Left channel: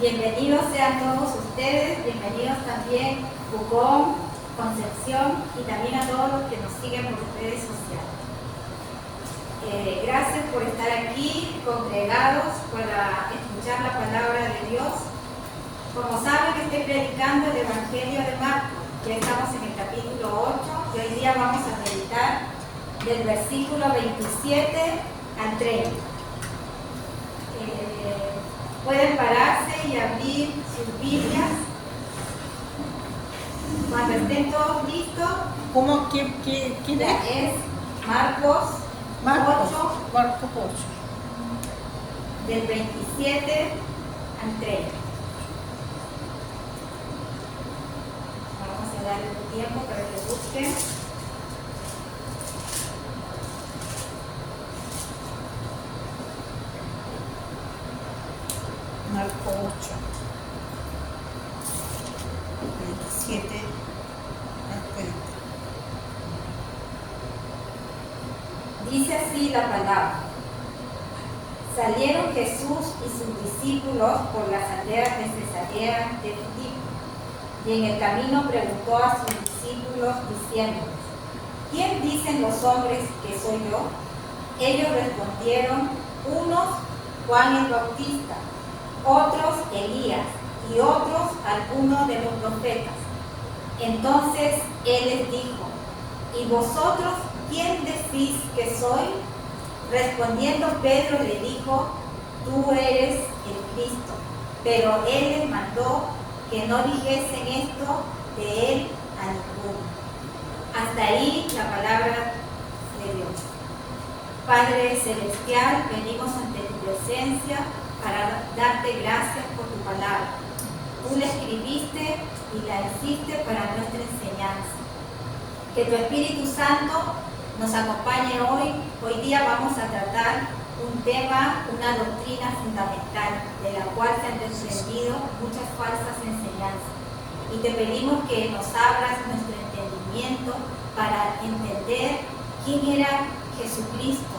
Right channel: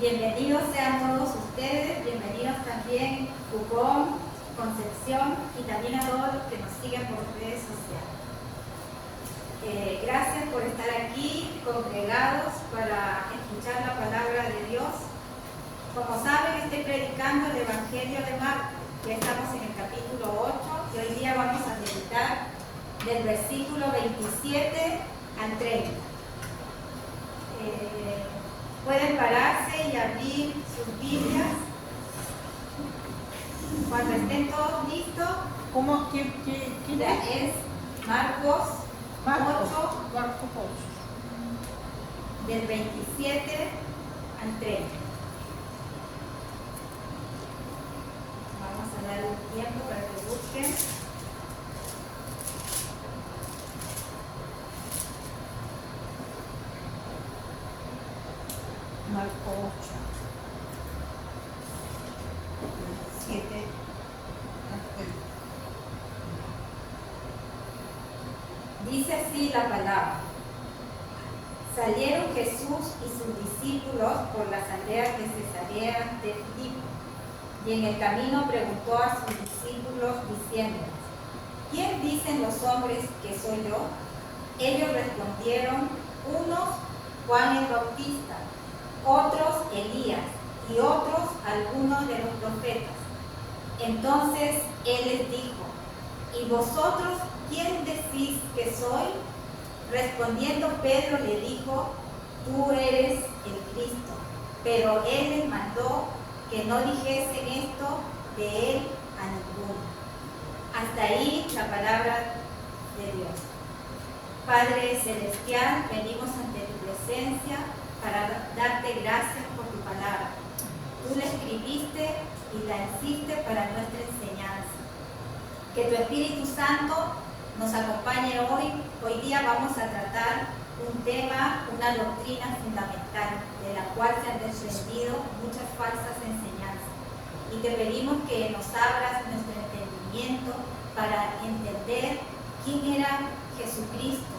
Bienvenidos sean todos ustedes, bienvenidos también Pucón, Concepción y también a todos los que nos siguen por redes sociales. Gracias por estar aquí congregados para escuchar la palabra de Dios. Como saben, estoy predicando el Evangelio de Marcos. Ya estamos en el capítulo 8 y hoy día vamos a meditar del versículo 27 al 30. Pueden pararse y abrir sus Biblias. Cuando estén todos listos, ¿Cómo? ¿Quién es Marcos 8, Marcos 8. del 27 al 30. Vamos a darle un tiempo para que busquen. Marcos 8. 27 al 30. Dice así la palabra. Salieron Jesús y sus discípulos por las aldeas de Cesarea de Filipo, y en el camino preguntó a sus discípulos diciéndoles: ¿Quién dicen los hombres que soy yo? Ellos respondieron: unos Juan el Bautista, otros Elías, y otros algunos de los profetas. Entonces él les dijo: ¿y vosotros quién decís que soy? Respondiendo Pedro le dijo: tú eres el Cristo. Pero él les mandó que no dijesen esto de él a ninguno. Hasta ahí la palabra de Dios. Padre celestial, venimos ante tu presencia para darte gracias por tu palabra. Tú la escribiste y la hiciste para nuestra enseñanza. Que tu Espíritu Santo nos acompañe hoy. Hoy día vamos a tratar un tema, una doctrina fundamental, de la cual se han desprendido muchas falsas enseñanzas. Y te pedimos que nos abras nuestro entendimiento para entender quién era Jesucristo,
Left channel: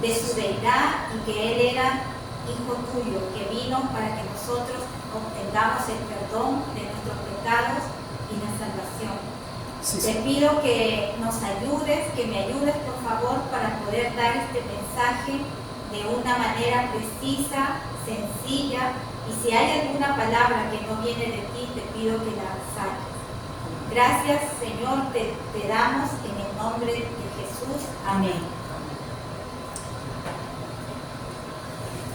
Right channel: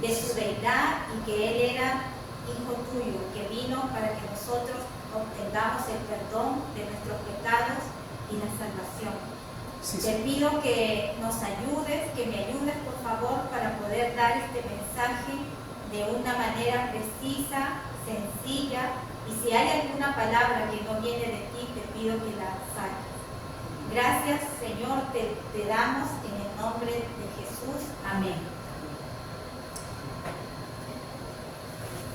de su deidad, y que Él era Hijo tuyo, que vino para que nosotros obtengamos el perdón de nuestros pecados y la salvación. Te pido que nos ayudes, que me ayudes por favor para poder dar este mensaje de una manera precisa, sencilla, y si hay alguna palabra que no viene de ti, te pido que la saques. Gracias, Señor, te damos en el nombre de Jesús. Amén.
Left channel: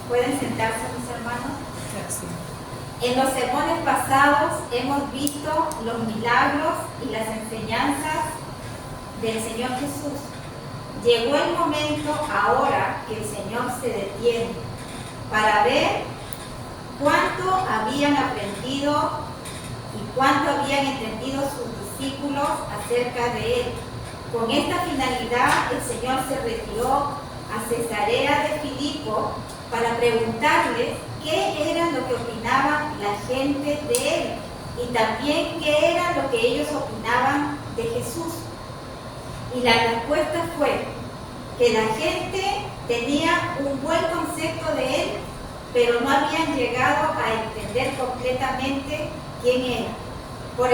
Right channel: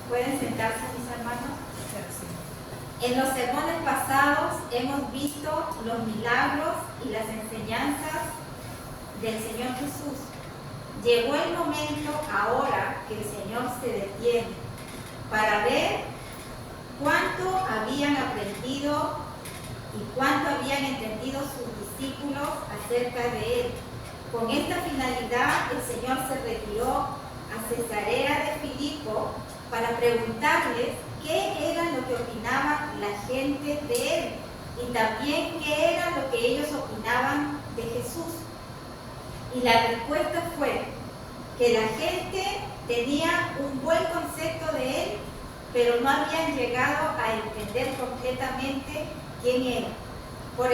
¿Pueden sentarse, mis hermanos? Gracias. En los sermones pasados hemos visto los milagros y las enseñanzas del Señor Jesús. Llegó el momento ahora que el Señor se detiene para ver cuánto habían aprendido y cuánto habían entendido sus discípulos acerca de Él. Con esta finalidad, el Señor se retiró a Cesarea de Filipo para preguntarles qué era lo que opinaba la gente de Él y también qué era lo que ellos opinaban de Jesús. Y la respuesta fue que la gente tenía un buen concepto de Él, pero no habían llegado a entender completamente quién era. Por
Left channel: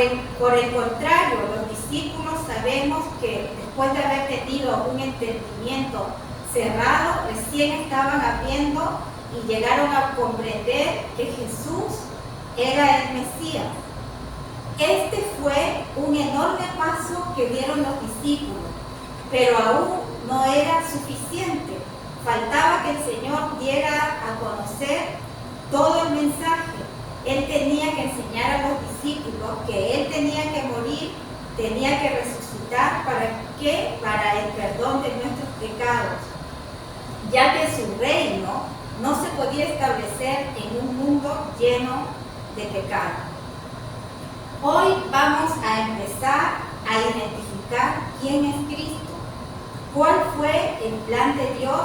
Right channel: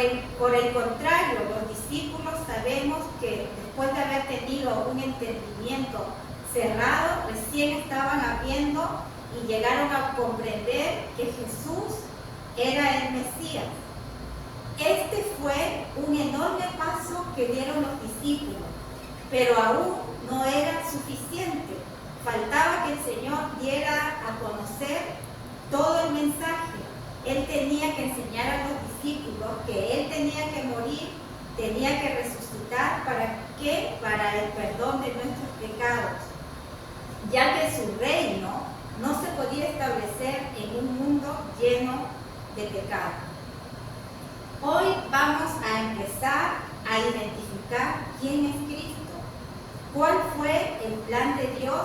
el contrario, los discípulos sabemos que después de haber tenido un entendimiento cerrado, recién estaban abriendo y llegaron a comprender que Jesús era el Mesías. Este fue un enorme paso que dieron los discípulos, pero aún no era suficiente. Faltaba que el Señor diera a conocer todo el mensaje. Él tenía que enseñar a los discípulos que Él tenía que morir, tenía que resucitar. ¿Para qué? Para el perdón de nuestros pecados, ya que su reino no se podía establecer en un mundo lleno de pecado. Hoy vamos a empezar a identificar quién es Cristo, cuál fue el plan de Dios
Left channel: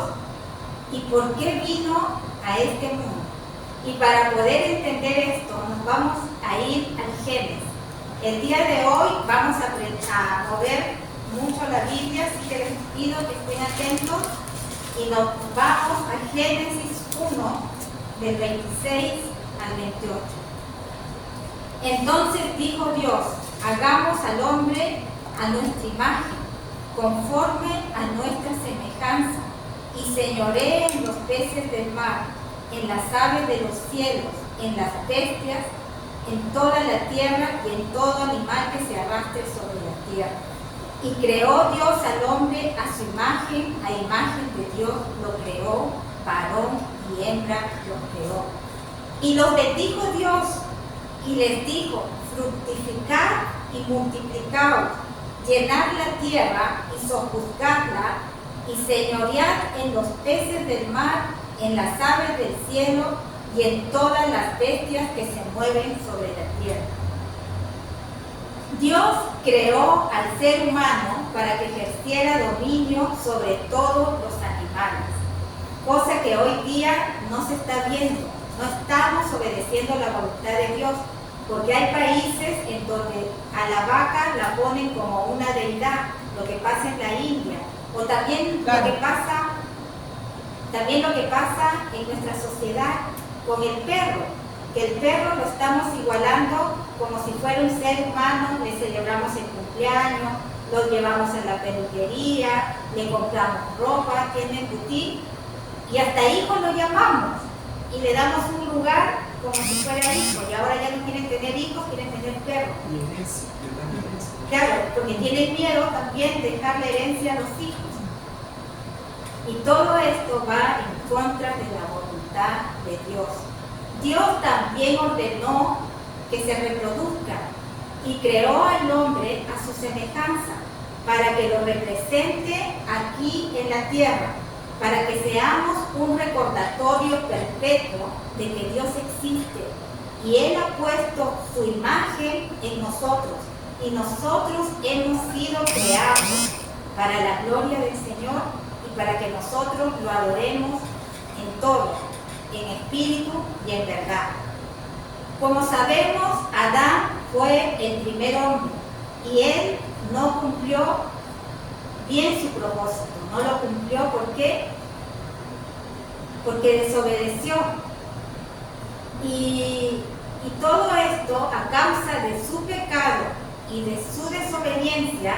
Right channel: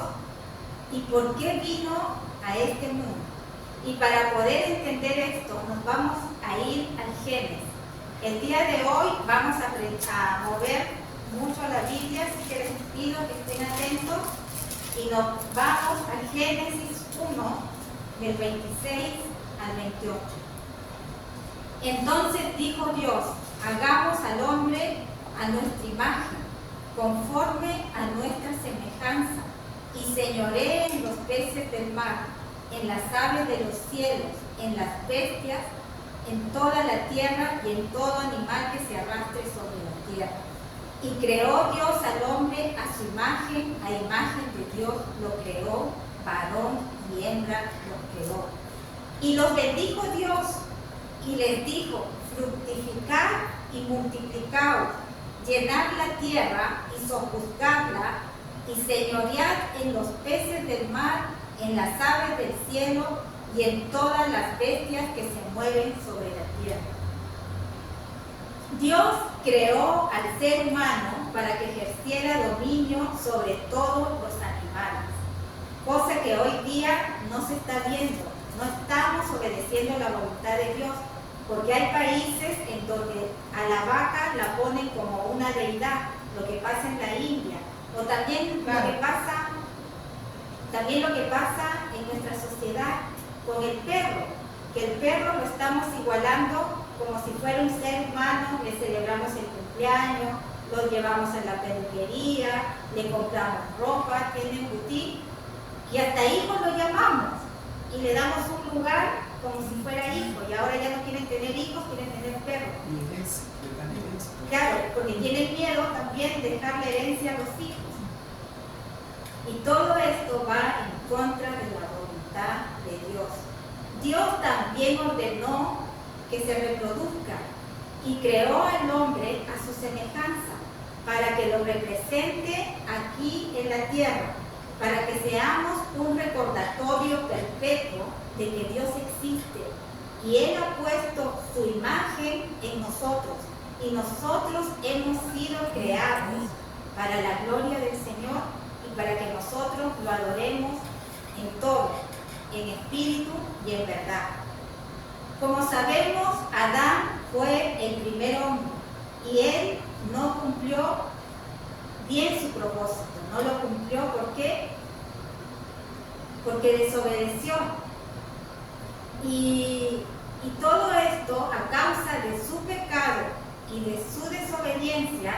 y por qué vino a este mundo. Y para poder entender esto, nos vamos a ir al Génesis. El día de hoy vamos a mover mucho la Biblia, así que les pido que estén atentos. Y nos vamos a Génesis 1, del 26 al 28. Entonces dijo Dios, hagamos al hombre a nuestra imagen, conforme a nuestra semejanza, y señoree en los peces del mar, en las aves de los cielos, en las bestias, en toda la tierra y en todo animal que se arrastre sobre la tierra. Y creó Dios al hombre a su imagen, a imagen de Dios lo creó, varón y hembra lo creó. Y los bendijo Dios y les dijo, fructificad y multiplicaos, llenad la tierra y sojuzgadla, y señoread en los peces del mar, en las aves del cielo y en todas las bestias que se mueven sobre la tierra. Dios creó al ser humano para que ejerciera dominio sobre todos los animales, cosa que hoy día no se está viendo. No estamos obedeciendo la voluntad de Dios, porque hay países en donde a la vaca la ponen como una deidad, lo que pasa en la India, o también claro, lo que pasa en nuestra sociedad con el perro, que el perro lo estamos igualando como si fuera un ser humano, le celebramos el cumpleaños, lo llevamos a la peluquería, le compramos ropa, tiene boutique, y hasta hijo lo llamamos, y le damos un lugar como si fuera hijo, y ahora ya no quieren tener hijos, quieren tener perros. Claro, porque tienen miedo también de dejar la herencia a los hijos. Y todo esto va en contra de la voluntad de Dios. Dios también ordenó que se reproduzca y creó al hombre a su semejanza para que lo represente aquí en la tierra, para que seamos un recordatorio perpetuo de que Dios existe y Él ha puesto su imagen en nosotros y nosotros hemos sido creados para la gloria del Señor y para que nosotros lo adoremos en todo, en espíritu y en verdad. Como sabemos, Adán fue el primer hombre y él no cumplió bien su propósito, no lo cumplió. ¿Por qué? Porque desobedeció. Y todo esto, a causa de su pecado y de su desobediencia,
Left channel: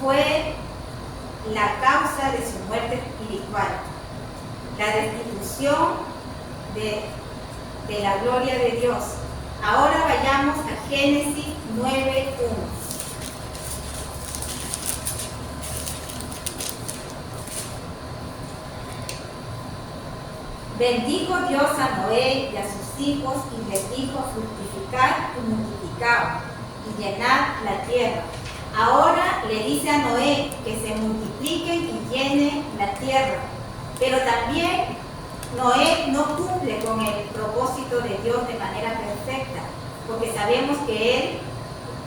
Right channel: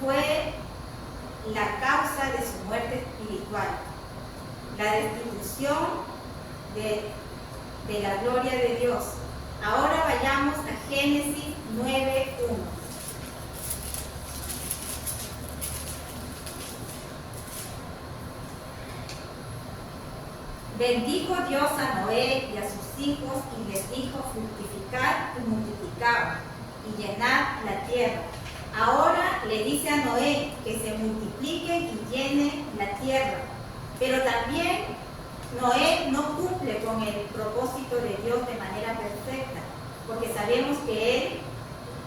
fue la causa de su muerte espiritual, la destitución de la gloria de Dios. Ahora vayamos a Génesis 9:1. Bendijo Dios a Noé y a sus hijos y les dijo, fructificad y multiplicaos y llenad la tierra. Ahora le dice a Noé que se multipliquen y llenen la tierra, pero también Noé no cumple con el propósito de Dios de manera perfecta, porque sabemos que él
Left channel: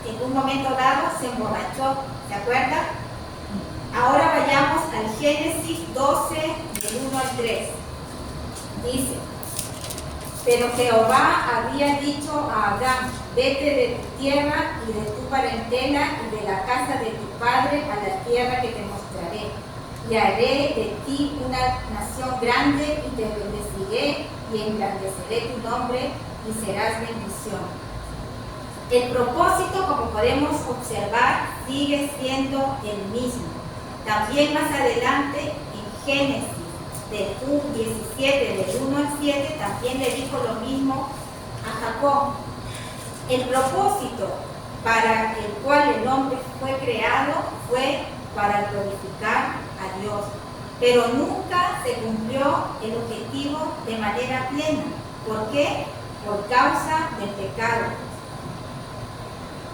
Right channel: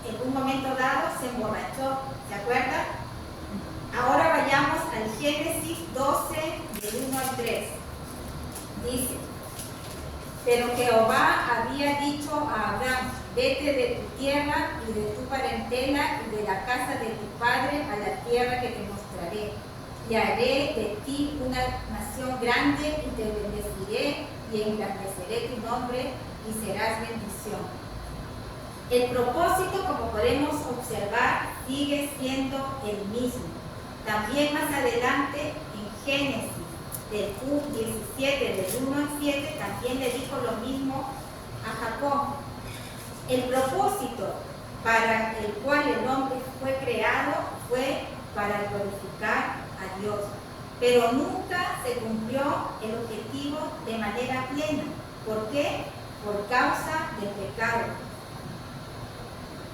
en un momento dado se emborrachó, ¿se acuerdan? Ahora vayamos al Génesis 12, del 1 al 3. Dice, pero Jehová había dicho a Abraham, vete de tu tierra y de tu parentela y de la casa de tu padre a la tierra que te mostraré. Y haré de ti una nación grande y te bendeciré y engrandeceré tu nombre y serás bendición. El propósito, como podemos observar, sigue siendo el mismo. También más adelante, en Génesis del 17, del 1 al 7, también le dijo lo mismo a Jacob. El propósito para el cual el hombre fue creado fue para glorificar a Dios, pero nunca se cumplió el objetivo de manera plena. ¿Por qué? Por causa del pecado.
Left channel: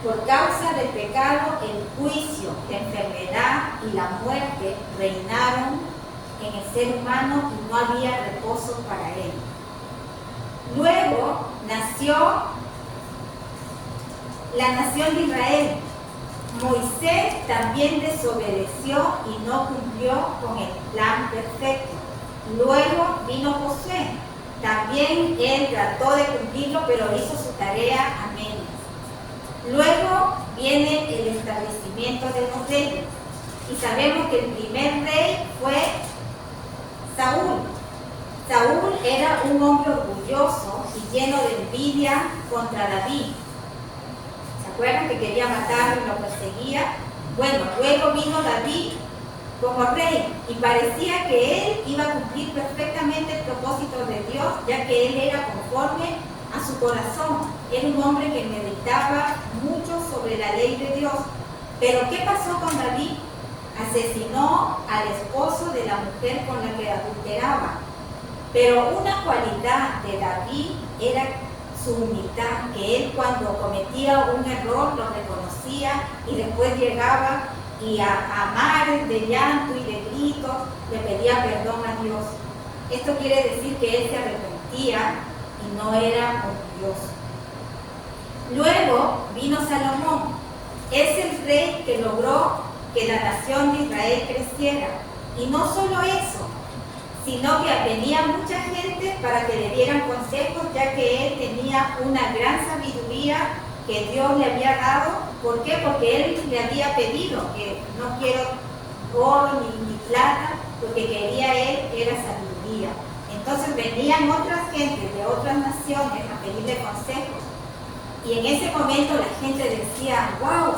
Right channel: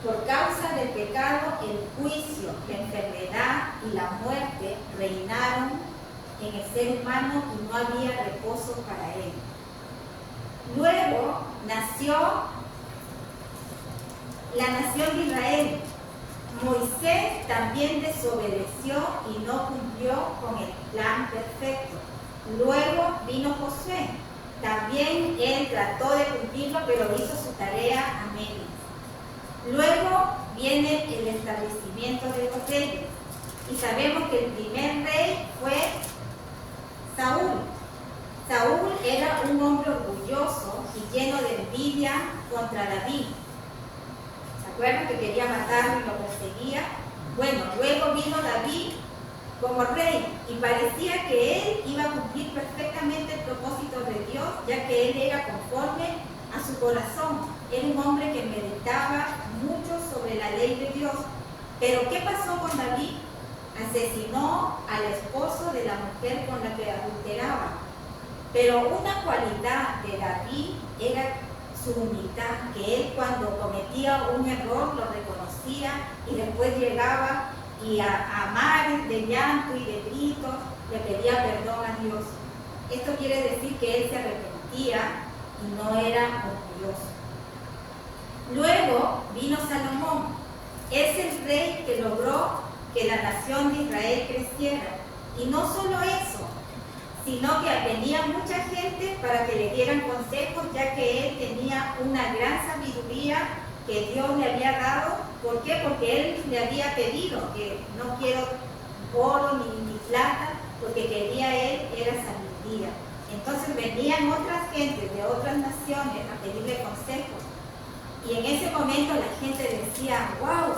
Por causa del pecado, el juicio, la enfermedad y la muerte reinaron en el ser humano y no había reposo para él. Luego nació la nación de Israel. Moisés también desobedeció y no cumplió con el plan perfecto. Luego vino Josué. También él trató de cumplirlo, pero hizo su tarea a medias. Luego viene el establecimiento de los reyes. Y sabemos que el primer rey fue Saúl. Saúl era un hombre orgulloso y lleno de envidia contra David. ¿Se acuerdan que quería matarlo y lo perseguía? Bueno, luego vino David como rey y parecía que él iba a cumplir perfectamente el propósito de Dios, ya que él era conforme a su corazón. Era un hombre que meditaba mucho sobre la ley de Dios. Pero ¿qué pasó con David? Asesinó al esposo de la mujer con la que adulteraba. Pero una cualidad de David era su humildad, que él cuando cometía un error lo reconocía y después llegaba y a mares de llanto y de gritos le pedía perdón a Dios. Esto quiere decir que él se arrepentía y no era orgulloso. Luego vino Salomón. Es el rey que logró que la nación de Israel creciera. Y no solo eso, sino que venía mucha gente para que le dieran consejos, ya que él tenía una gran sabiduría que Dios le había dado. ¿Por qué? Porque él le había pedido que no quiero oro ni plata, porque quería él era sabiduría. Entonces venían otras gentes de otras naciones a pedirle consejos. Y en ese momento la gente decía, wow,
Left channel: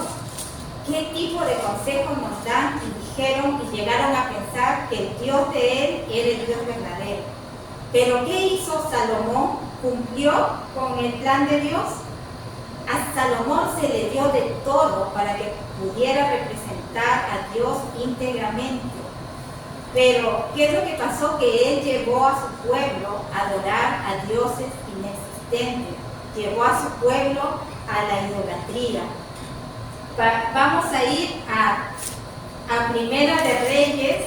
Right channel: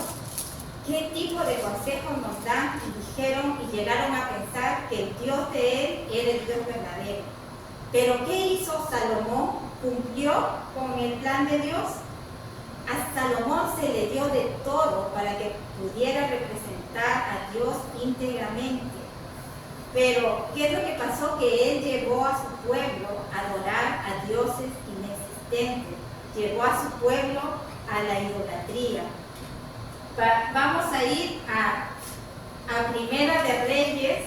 ¿qué tipo de consejos nos dan? Y dijeron y llegaron a pensar que el Dios de él era el Dios verdadero. Pero ¿qué hizo Salomón? ¿Cumplió con el plan de Dios? A Salomón se le dio de todo para que pudiera representar a Dios íntegramente. Pero ¿qué es lo que pasó? Que él llevó a su pueblo a adorar a dioses inexistentes. Llevó a su pueblo a la idolatría. Vamos a ir a Primera de Reyes.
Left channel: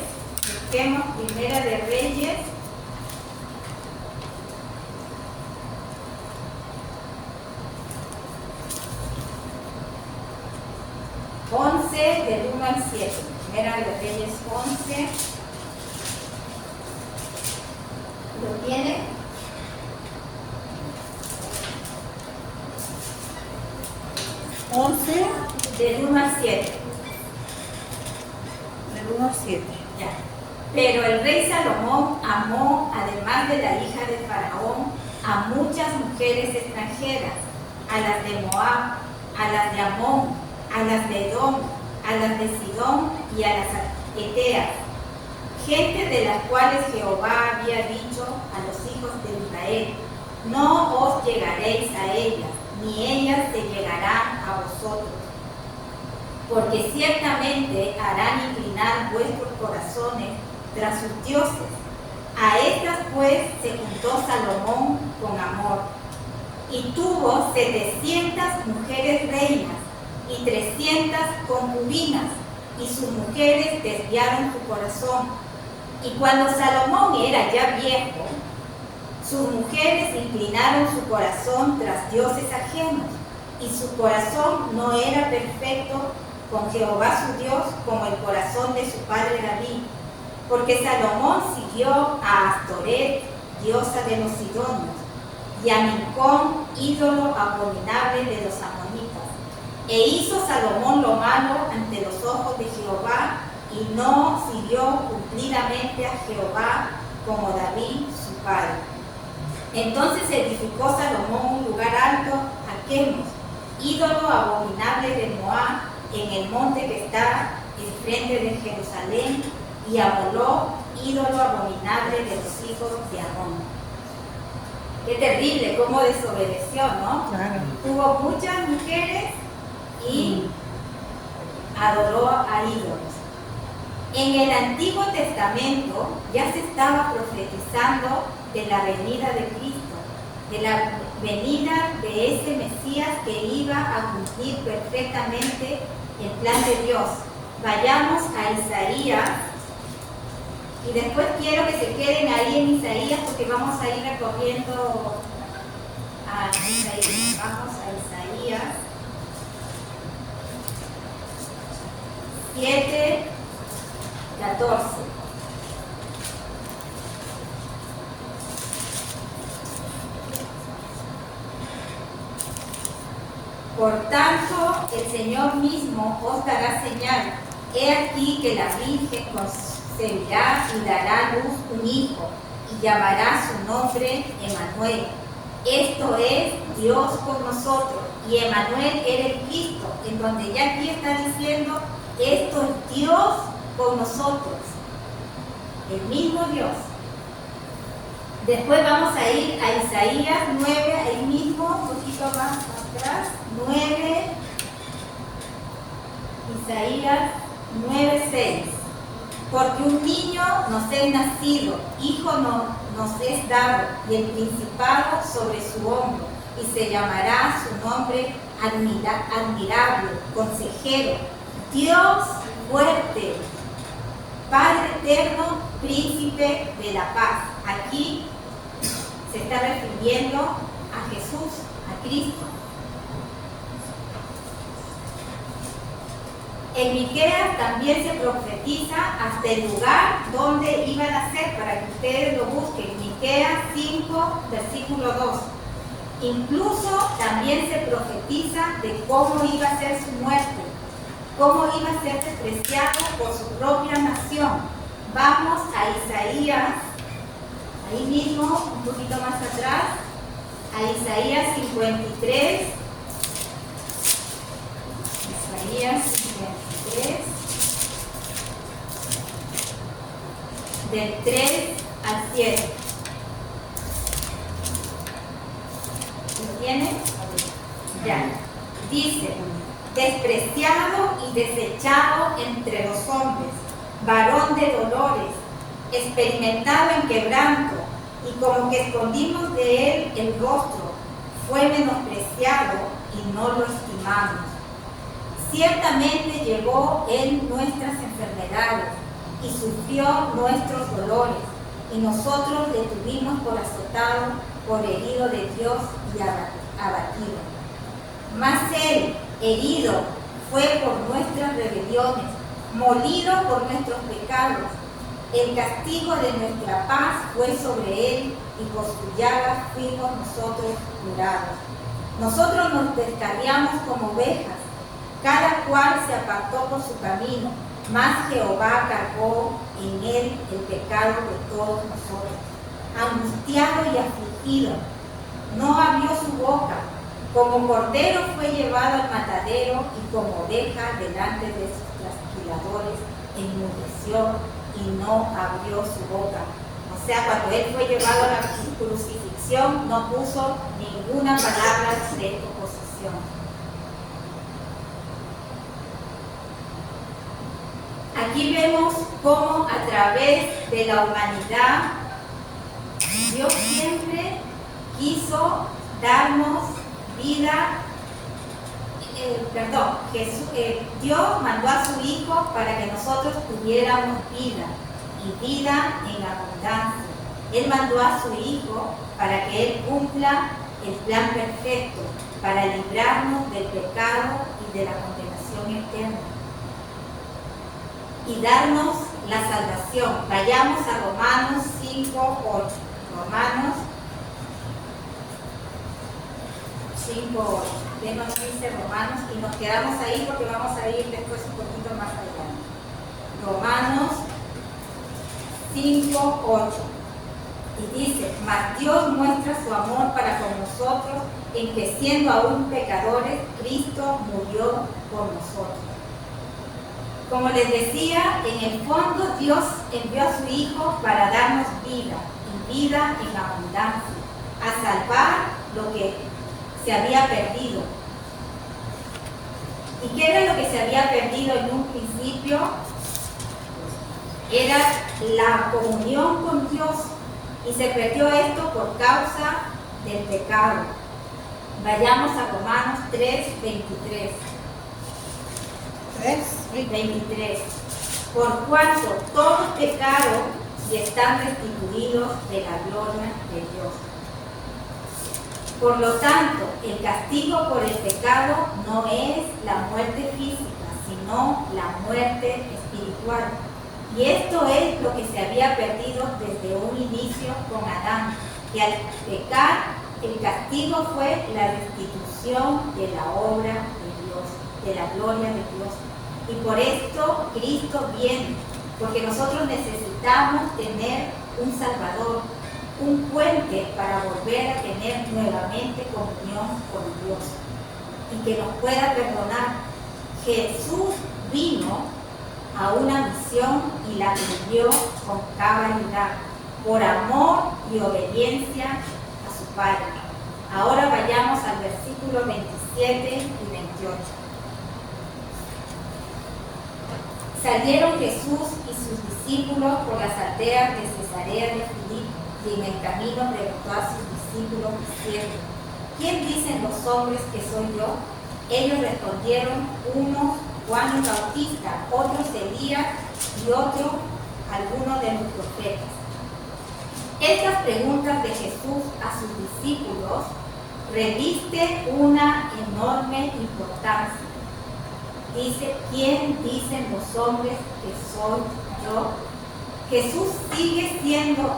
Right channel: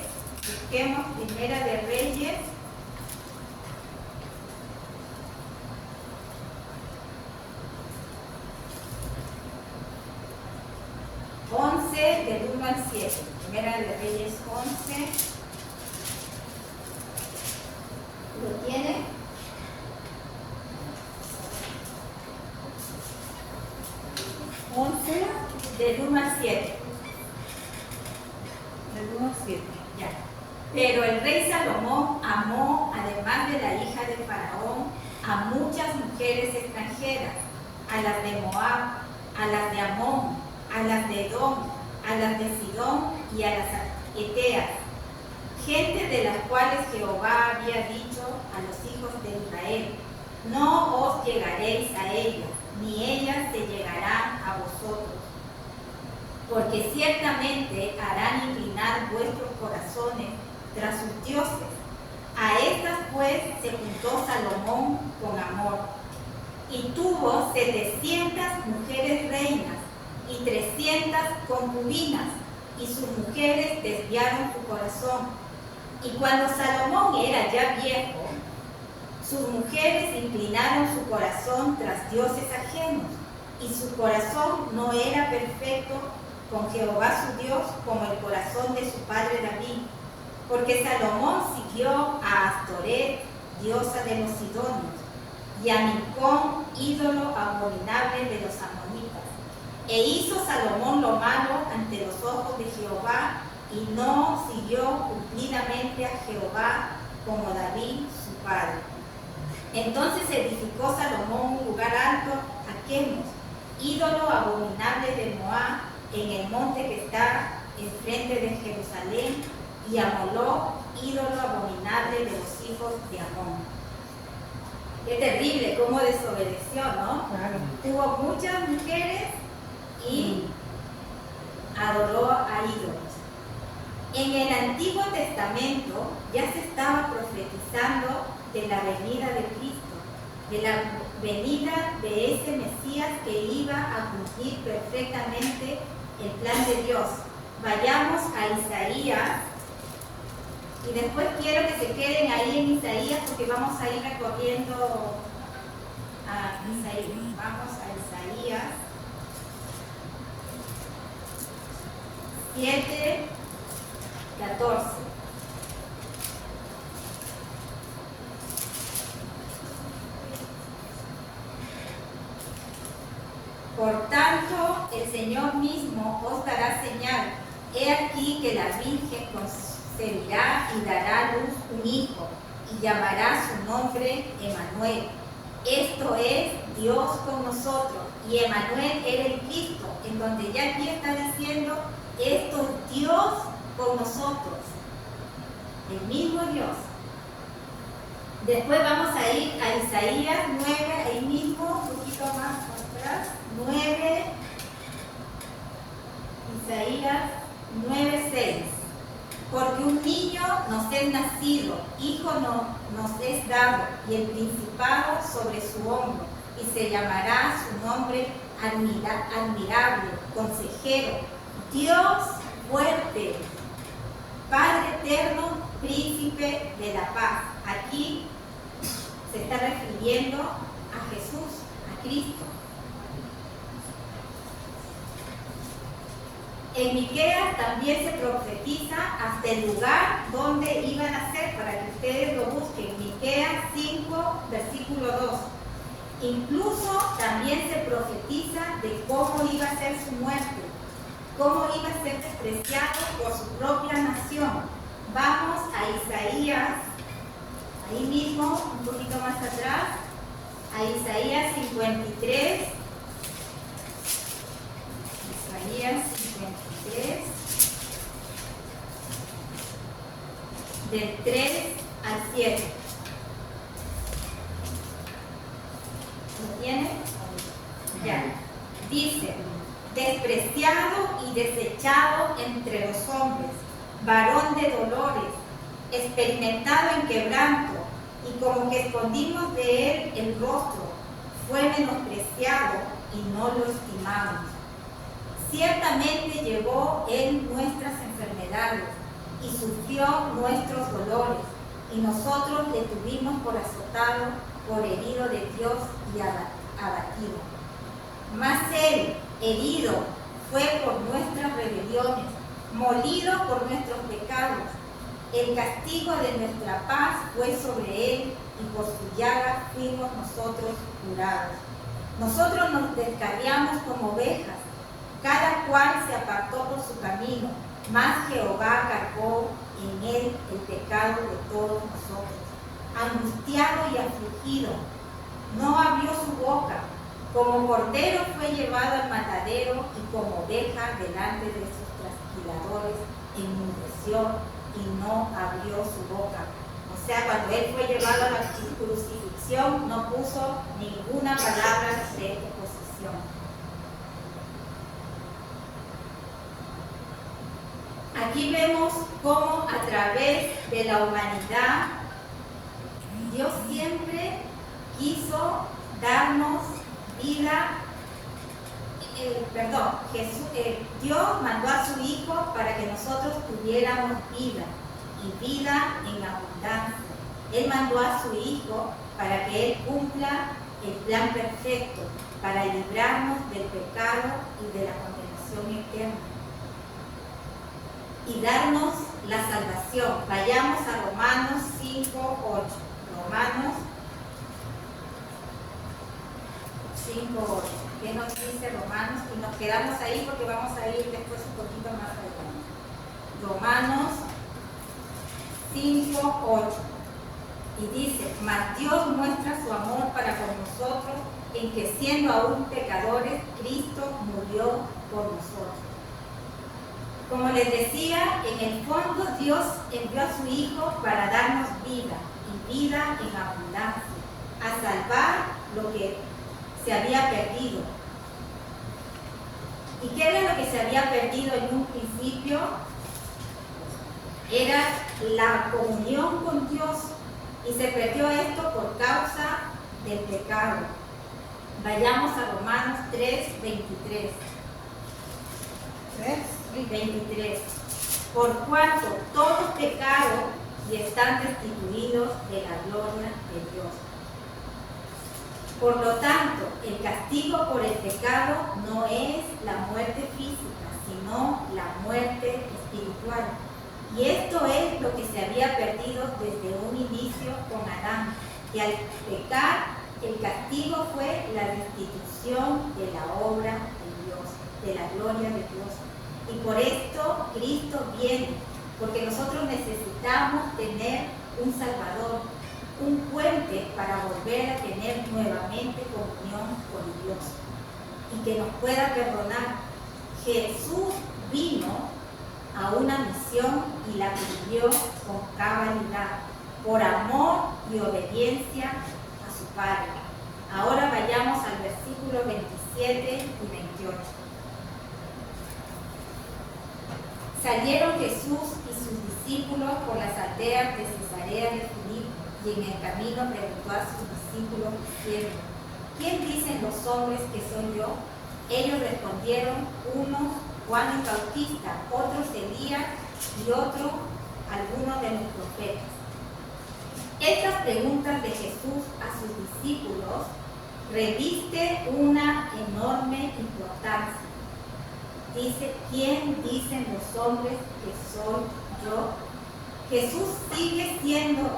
Busquemos Primera de Reyes. 11 del 1 al 7. Primera de Reyes 11. ¿Lo tiene? Del 1 al 7. Del 1 al 7. Ya. Pero el rey Salomón amó, además de la hija de Faraón, a muchas mujeres extranjeras, a las de Moab, a las de Amón, a las de Edom, a las de Sidón y a las Eteas, gente de las cuales Jehová había dicho a los hijos de Israel, no os llegaréis a ellas, ni ellas se llegarán a vosotros, porque ciertamente harán inclinar vuestros corazones tras sus dioses. A estas pues se juntó Salomón con amor, y tuvo 700 mujeres reinas y 300 concubinas, y sus mujeres desviaron su corazón. Y cuando Salomón era ya viejo, sus mujeres inclinaron su corazón tras dioses ajenos, y su corazón no era perfecto con Jehová su Dios como el corazón de su padre David, porque Salomón siguió a Astoret, diosa de los sidonios, y a Milcom, ídolo abominable de los amonitas. E hizo Salomón lo malo ante los ojos de Jehová, y no siguió cumplidamente a Jehová como David su padre. Entonces edificó Salomón un lugar alto a Quemos, ídolo abominable de Moab, en el monte que está enfrente de Jerusalén, y a Moloc, ídolo abominable de los hijos de Amón. Qué terrible cómo desobedeció, ¿no? Claro. Tuvo muchas mujeres y adoró a ídolos. En el Antiguo Testamento ya se estaba profetizando de la venida de Cristo, de la venida de ese Mesías que iba a cumplir perfectamente el plan de Dios. Vayamos a Isaías, y después quiero que se queden ahí en Isaías porque vamos a ir recorriendo a Isaías. Vamos a Isaías 7:14. Por tanto, el Señor mismo os dará señal. He aquí que la Virgen concebirá y dará a luz un hijo, y llamará su nombre Emmanuel. Esto es Dios con nosotros. Y Emmanuel era el Cristo, en donde ya aquí está diciendo, esto es Dios con nosotros. El mismo Dios. Después vamos a ir a Isaías 9, ahí mismo, un poquito más atrás. 9, Isaías 9:6. Porque un niño nos es nacido, hijo nos es dado, y el principado sobre su hombro, y se llamará su nombre admirable, consejero, Dios fuerte, Padre eterno, príncipe de la paz. Aquí se está refiriendo a Jesús, a Cristo. En Miqueas también se profetiza hasta el lugar donde iba a nacer, para que ustedes lo busquen. Miqueas 5, versículo 2. Incluso también se profetiza de cómo iba a ser su muerte, cómo iba a ser despreciado por su propia nación. Vamos a Isaías, ahí mismo, un poquito más atrás, a Isaías 53. Isaías 53, del 3 al 7. ¿Lo tienen? Ya. Dice, despreciado y desechado entre los hombres, varón de dolores, experimentado en quebranto, y como que escondimos de él el rostro, fue menospreciado y no lo estimamos. Ciertamente llevó él nuestras enfermedades y sufrió nuestros dolores, y nosotros le tuvimos por azotado, por herido de Dios y abatido. Mas él, herido, fue por nuestras rebeliones, molido por nuestros pecados. El castigo de nuestra paz fue sobre él, y por su llaga fuimos nosotros curados. Nosotros nos descarriamos como ovejas, cada cual se apartó por su camino, mas Jehová cargó en él el pecado de todos nosotros. Angustiado y afligido, no abrió su boca, como cordero fue llevado al matadero, y como oveja delante de sus trasquiladores enmudeció y no abrió su boca. O sea, cuando él fue llevado a la crucifixión, no puso ninguna palabra de oposición. Aquí vemos cómo a través de la humanidad Dios siempre quiso darnos vida. Dios mandó a su Hijo para que nosotros tuviéramos vida, y vida en abundancia. Él mandó a su Hijo para que Él cumpla el plan perfecto, para librarnos del pecado y de la condenación eterna, y darnos la salvación. Vayamos a Romanos 5:8. Romanos 5:8. ¿Qué nos dice Romanos? Y nos quedamos ahí porque vamos a ir después un poquito más adelante. Romanos 5:8. Y dice, mas Dios muestra su amor para con nosotros, en que siendo aún pecadores, Cristo murió por nosotros. Como les decía, en el fondo Dios envió a su Hijo para darnos vida, y vida en abundancia, a salvar lo que se había perdido. ¿Y qué era lo que se había perdido en un principio? Era la comunión con Dios, y se perdió esto por causa del pecado. Vayamos a Romanos 3:23. 23. Por cuanto todos pecaron y están destituidos de la gloria de Dios. Por lo tanto, el castigo por el pecado no es la muerte física, sino la muerte espiritual. Y esto es lo que se había perdido desde un inicio con Adán, que al pecar el castigo fue la restitución de la obra de Dios, de la gloria de Dios. Y por esto Cristo viene, porque nosotros necesitamos tener un Salvador, un puente para volver a tener nuevamente comunión con Dios y que nos pueda perdonar. Jesús vino a una misión y la cumplió con cabalidad, por amor y obediencia a su Padre. Ahora vayamos al versículo 27 y 28. Salieron Jesús y sus discípulos por las aldeas de Cesarea de Filipo, y en el camino preguntó a sus discípulos diciendo: ¿quién dicen los hombres que soy yo? Ellos respondieron: unos Juan el Bautista, otros Elías y otros algunos de los profetas. Estas preguntas de Jesús a sus discípulos reviste una enorme importancia. Dice: ¿quién dicen los hombres que soy yo? Jesús sigue siendo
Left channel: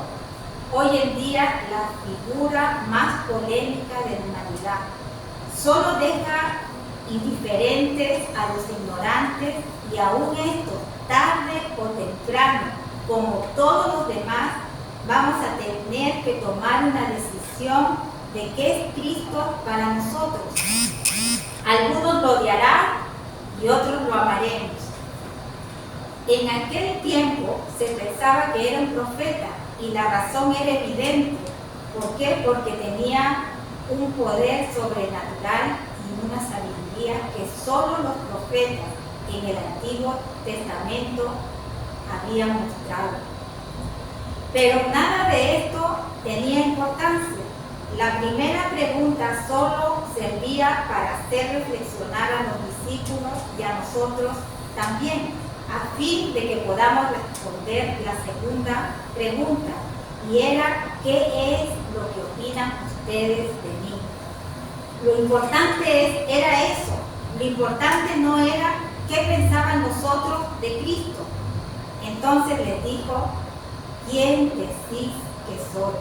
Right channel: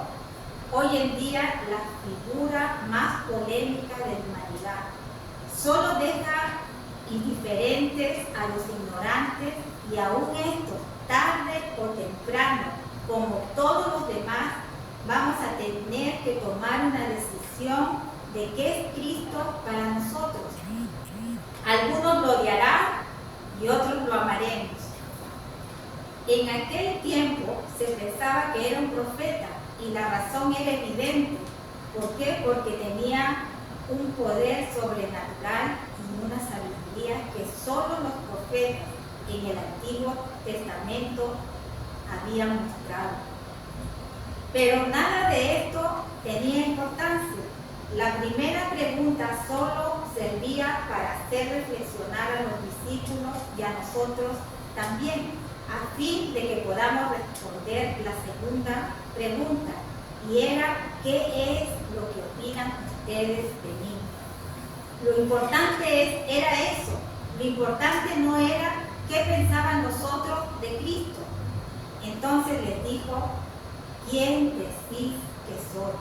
hoy en día la figura más polémica de la humanidad. Solo deja indiferentes a los ignorantes, y aún estos, tarde o temprano, como todos los demás, vamos a tener que tomar una decisión de qué es Cristo para nosotros. Algunos lo odiarán y otros lo amaremos. En aquel tiempo se pensaba que era un profeta, y la razón era evidente. ¿Por qué? Porque tenía un poder sobrenatural y una sabiduría que solo los profetas en el Antiguo Testamento habían mostrado. Pero nada de esto tenía importancia. La primera pregunta solo servía para hacer reflexionar a los discípulos y a nosotros también, a fin de que podamos responder la segunda pregunta, y era: ¿qué es lo que opinan ustedes de mí? Lo importante era eso. Lo importante no era qué pensaban los otros de Cristo. Entonces les dijo: ¿quién decís que soy?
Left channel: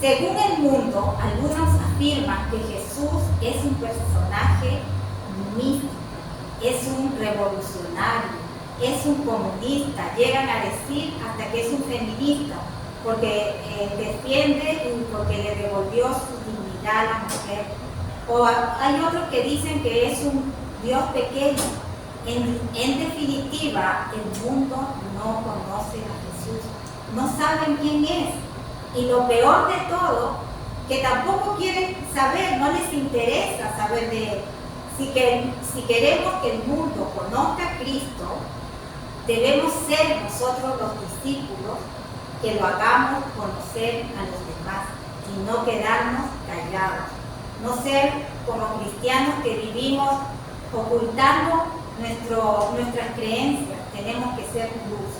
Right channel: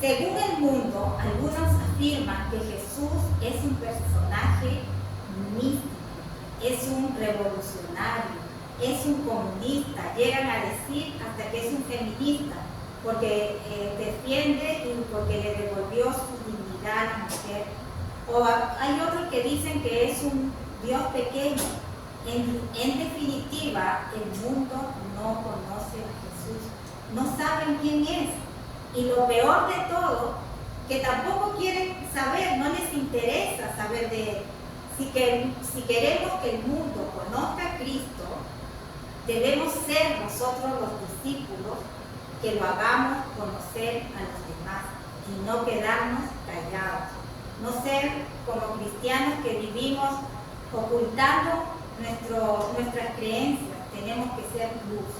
Según el mundo, algunos afirman que Jesús es un personaje místico, es un revolucionario, es un comunista, llegan a decir hasta que es un feminista, porque defiende y porque le devolvió su dignidad a la mujer. O hay otros que dicen que es un Dios pequeño. En definitiva, el mundo no conoce a Jesús, no saben quién es. Y lo peor de todo, que tampoco quieren saber, no les interesa saber de Él. Si queremos que el mundo conozca a Cristo, debemos ser nosotros los discípulos que lo hagamos conocer a los demás y no quedarnos callados. No ser como cristianos que vivimos ocultando nuestras creencias. Tenemos que ser luz.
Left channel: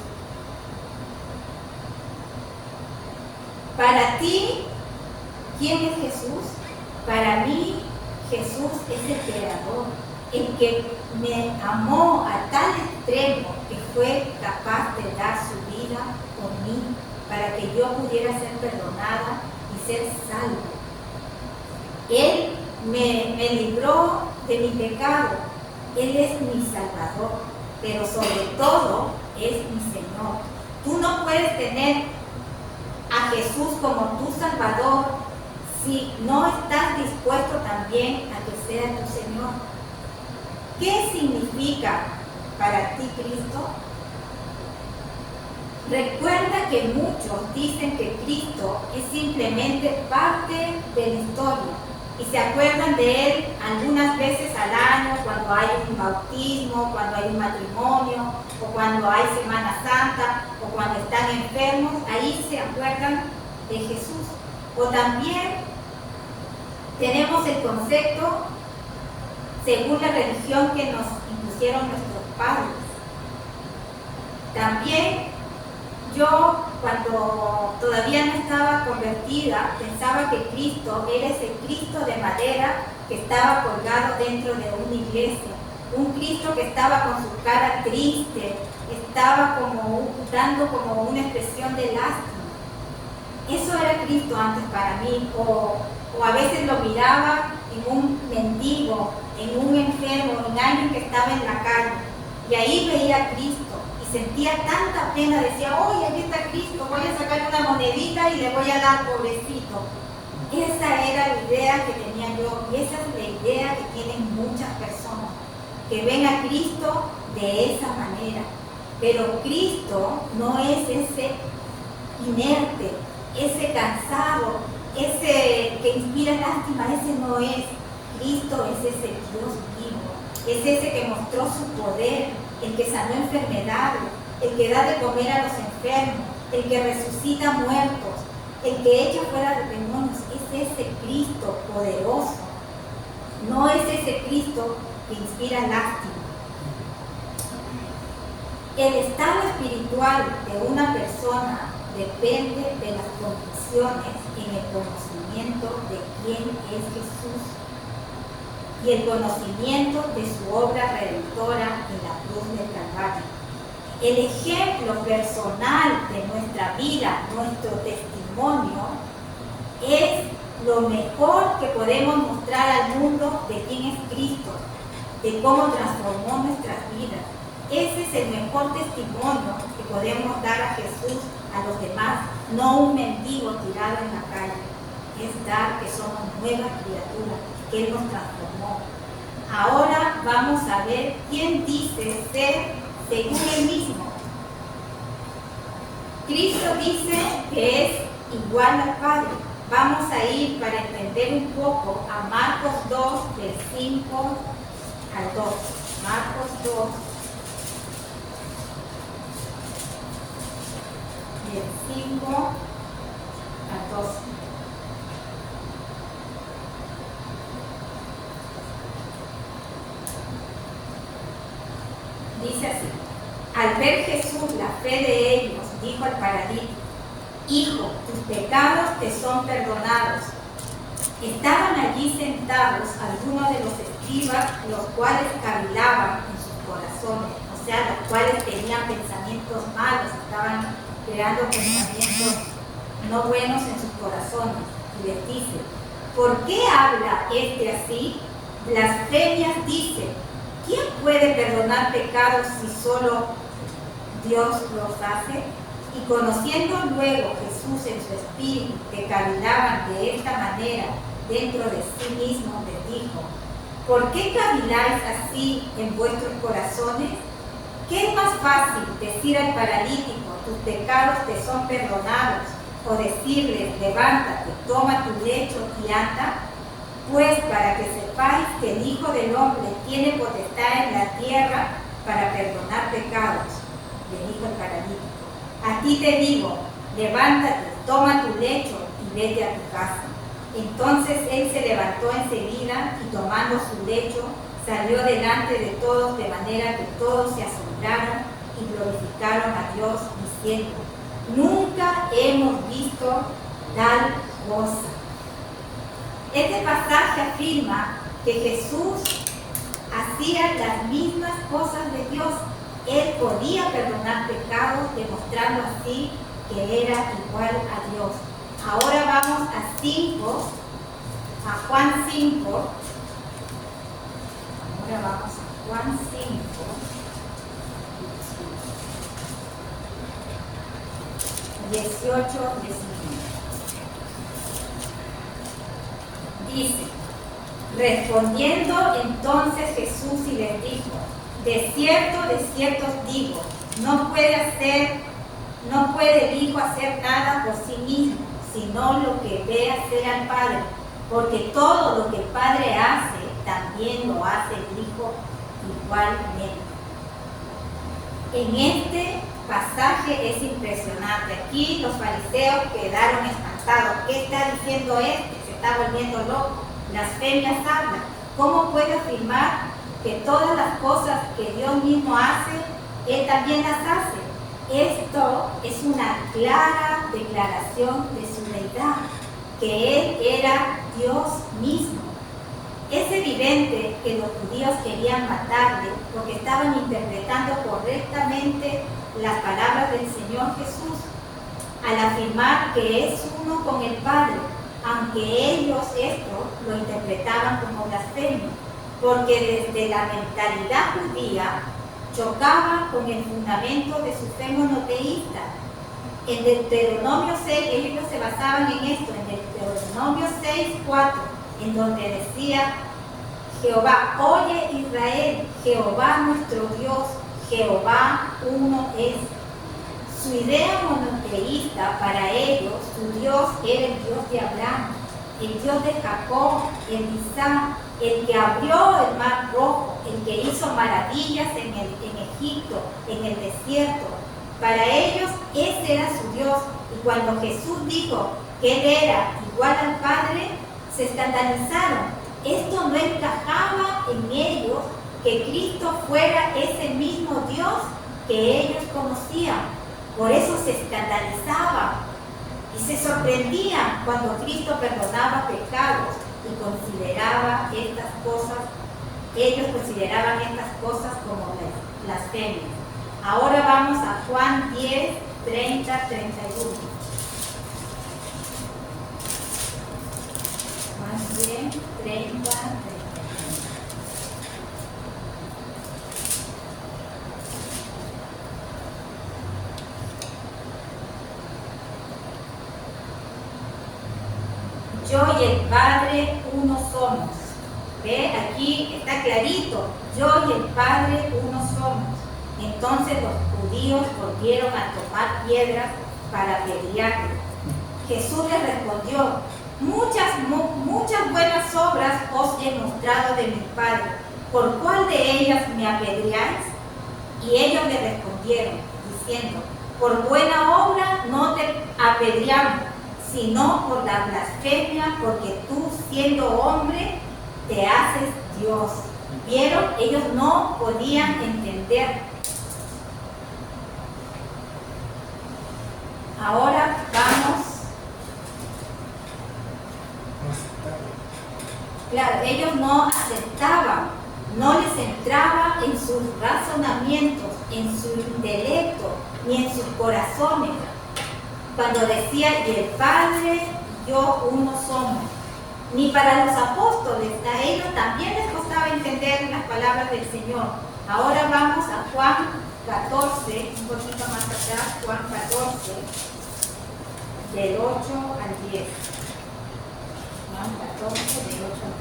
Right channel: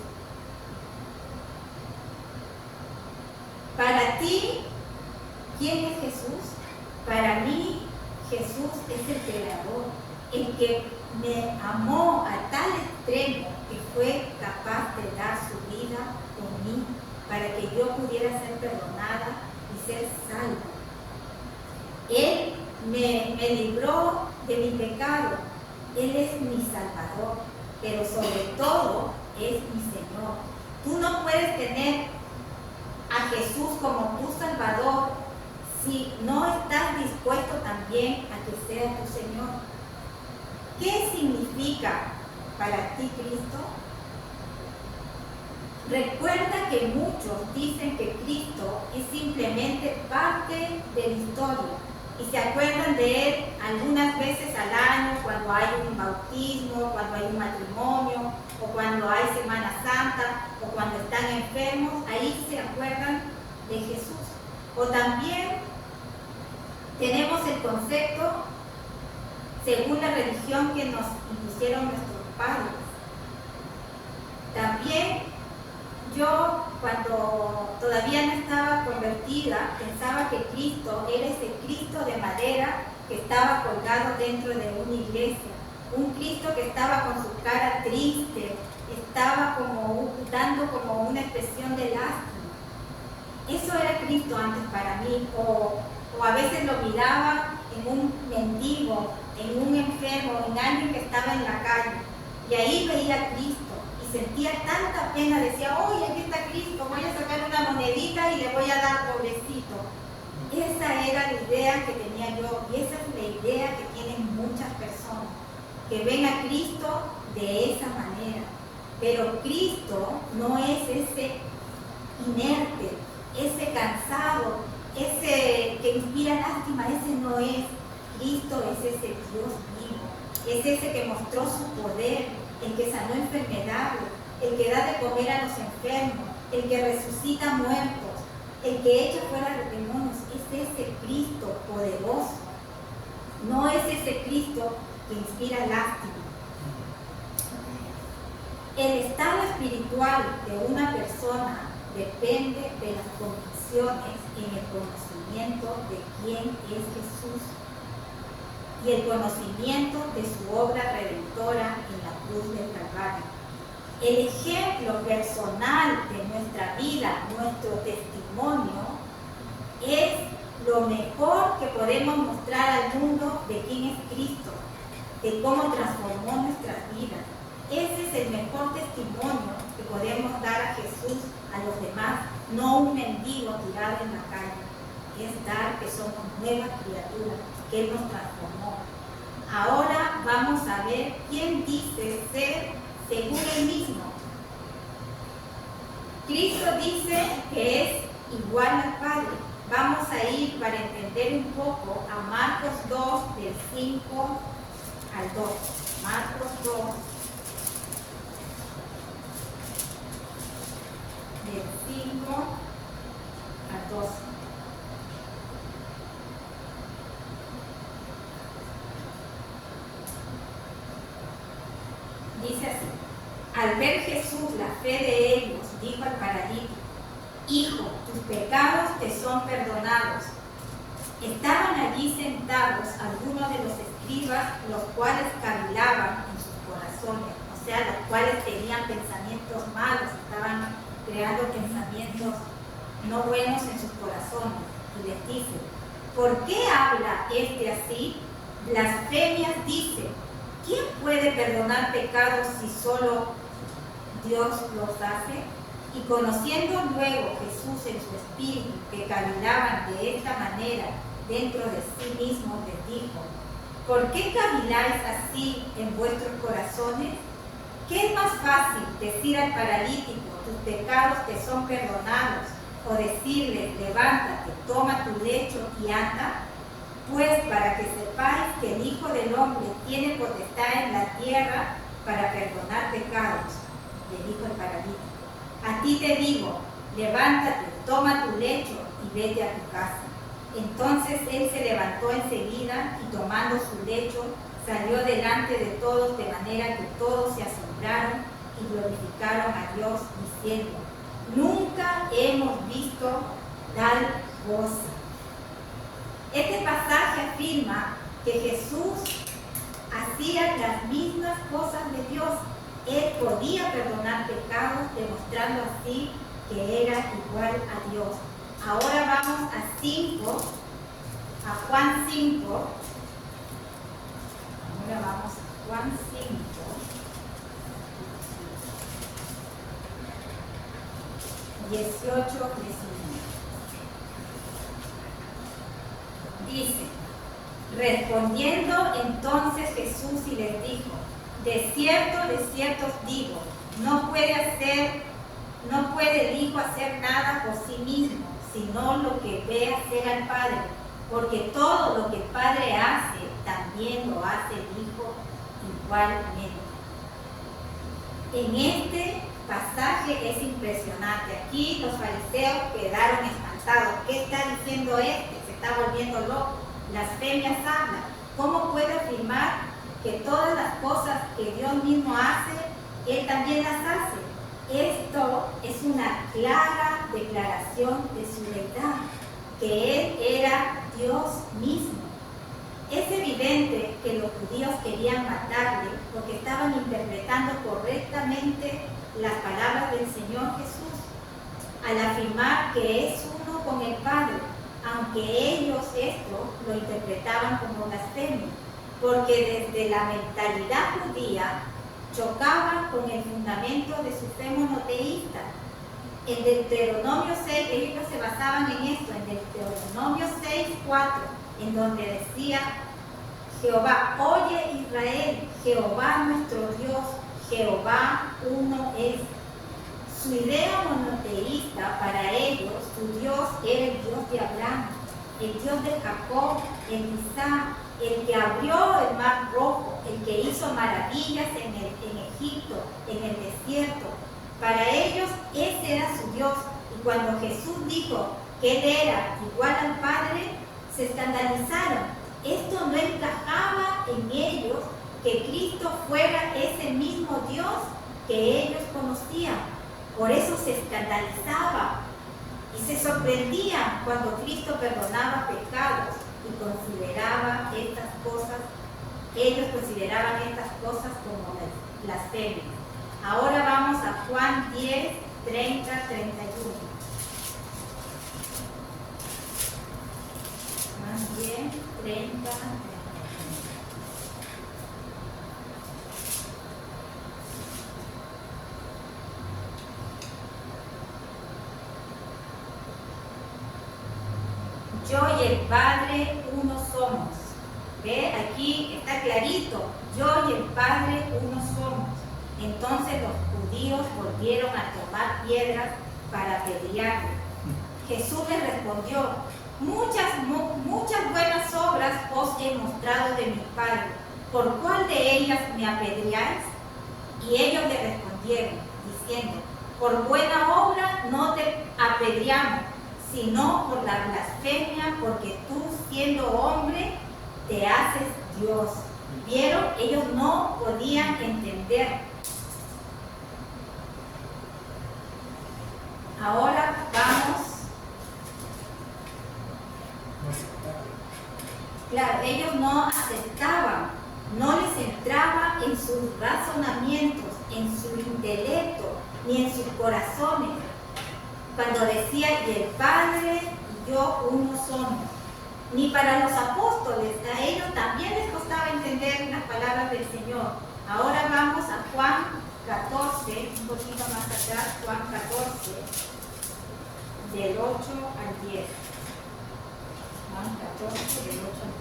Para ti, ¿quién es Jesús? Para mí, Jesús es el Creador, el que me amó a tal extremo que fue capaz de dar su vida por mí, para que yo pudiera ser perdonada y ser salvo. Él me libró de mi pecado. Él es mi Salvador, pero sobre todo es mi Señor. Tú no puedes tener a Jesús como tu Salvador si no estás dispuesto también a que sea tu Señor. ¿Qué significa para ti Cristo? Recuerda que muchos dicen que Cristo es simplemente parte de la historia y se acuerdan de Él algunas veces al año, cuando hay un bautismo, cuando hay un matrimonio, o cuando hay Semana Santa, o cuando están enfermos. Ahí se acuerdan de Jesús. O también tenemos el concepto según la religión que nos impusieron nuestros padres. También yo, cuando todavía no estaba convertida, pensaba que Cristo era ese Cristo de madera que estaba colgado dentro de una iglesia. Un Cristo que estaba con su cara triste, estaba dando como una expresión de lástima. Eso era Cristo antes para mí. O a veces lo miraba en un mendigo, en un enfermo, en alguien que estaba en la calle. Y ahí veía a Cristo. Y y sentía tanta pena, decía, ¡oye, aquí está Cristo! Voy a sacar una monedita y le voy a dar, pobrecito. Esa era la idea que tenía yo y esa es la idea que tienen muchas personas, que ven a Cristo de esa manera. Pero Cristo no es ese inerte, ese cansado, ese que inspira lástima, ese no es. Cristo es ese Dios vivo, es ese que mostró su poder, el que sanó enfermedades, el que da de comer a los enfermos, el que resucita muertos, el que echa fuera los demonios. Es ese Cristo poderoso, no es ese Cristo que inspira lástima. El estado espiritual de una persona depende de las convicciones y en el conocimiento de quién es Jesús y el conocimiento de su obra redentora en la cruz del Calvario. El ejemplo personal de nuestra vida, nuestro testimonio, es lo mejor que podemos mostrar al mundo de quién es Cristo, de cómo transformó nuestras vidas. Ese es el mejor testimonio que podemos dar a Jesús, a los demás, no un mendigo tirado en la calle. Es dar que somos nuevas criaturas, que Él nos transformó. Ahora vamos a ver quién dice ser según Él mismo. Cristo dice que es igual al Padre. Vamos a ir para entender un poco a Marcos 2, del 5 al 2. Marcos 2, del 5 al 12. Dice así: al ver Jesús la fe de ellos, dijo al paralítico: Hijo, tus pecados te son perdonados. Estaban allí sentados algunos de los escribas, los cuales cavilaban en sus corazones, o sea, los cuales tenían pensamientos malos, estaban creando pensamientos no buenos en sus corazones. Y les dice: ¿por qué habla este así? Blasfemias dice: ¿quién puede perdonar pecados si solo Dios los hace? Y conociendo luego Jesús en su espíritu que cavilaban de esta manera dentro de sí mismo, les dijo: ¿por qué caviláis así en vuestros corazones? ¿Qué es más fácil, decir al paralítico: tus pecados te son perdonados, o decirle: levántate, toma tu lecho y anda? Pues para que sepáis que el Hijo del Hombre tiene potestad en la tierra para perdonar pecados, le dijo el paralítico. A ti te digo, levántate, toma tu lecho y vete a tu casa. Entonces él se levantó enseguida y tomando su lecho salió delante de todos, de manera que todos se asombraron y glorificaron a Dios diciendo: nunca hemos visto tal cosa. Este pasaje afirma que Jesús hacía las mismas cosas de Dios. Él podía perdonar pecados, demostrando así que era igual a Dios. Ahora vamos a Juan 5. Ahora vamos a Juan 5. 18, 19. Dice: respondiendo entonces Jesús y les dijo: de cierto os digo, no puede el Hijo hacer nada por sí mismo, sino lo que ve hacer al Padre, porque todo lo que el Padre hace, también lo hace el Hijo igualmente. En este pasaje es impresionante. Aquí los fariseos quedaron espantados. ¿Qué está diciendo este? Se está volviendo loco. Blasfemias habla. ¿Cómo puede afirmar que todas las cosas que Dios mismo hace, Él también las hace? Esto es una clara declaración de su deidad, que Él era Dios mismo. Es evidente que los judíos querían matarle porque estaban interpretando correctamente las palabras del Señor Jesús al afirmar que es uno con el Padre, aunque ellos esto lo interpretaban como blasfemia, porque desde la mentalidad judía chocaba con el fundamento de su fe monoteísta. En Deuteronomio 6, ellos se basaban en esto, en Deuteronomio 6:4, en donde decía: Jehová, oye Israel, Jehová nuestro Dios, Jehová uno es. Su idea monoteísta para ellos, su Dios era el Dios de Abraham, el Dios de Jacob, el de Isaac, el que abrió el mar rojo, el que hizo maravillas en Egipto, en el desierto. Para ellos ese era su Dios. Y cuando Jesús dijo que Él era igual al Padre, se escandalizaron. Esto no encajaba en ellos, que Cristo fuera ese mismo Dios que ellos conocían. Por eso se escandalizaban y se sorprendían cuando Cristo perdonaba pecados y consideraba estas cosas, ellos consideraban estas cosas como blasfemias. Ahora vamos a Juan 10, 30, 31. Juan 10, 30, 31. Yo y el Padre uno somos. ¿Ve? Aquí está clarito. Yo y el Padre uno somos. Entonces los judíos volvieron a tomar piedras para apedrearle. Jesús les respondió: muchas buenas obras os he mostrado de mi Padre. ¿Por cuál de ellas me apedreáis? Y ellos le respondieron, diciendo: por buena obra no te apedreamos, sino por la blasfemia, porque tú, siendo hombre, te haces Dios. ¿Vieron? Ellos no podían entender. Ahora vamos. Claro, ellos no aceptaban, no les entraba en sus razonamientos, en su intelecto, ni en sus corazones. Cuando decía: y el Padre y yo uno somos. Ni para los apóstoles, a ellos también les costaba entender las palabras del Señor. Ahora vamos a Juan 14, un poquito más atrás, Juan 14, del 8 al 10. Juan 14, del 8 al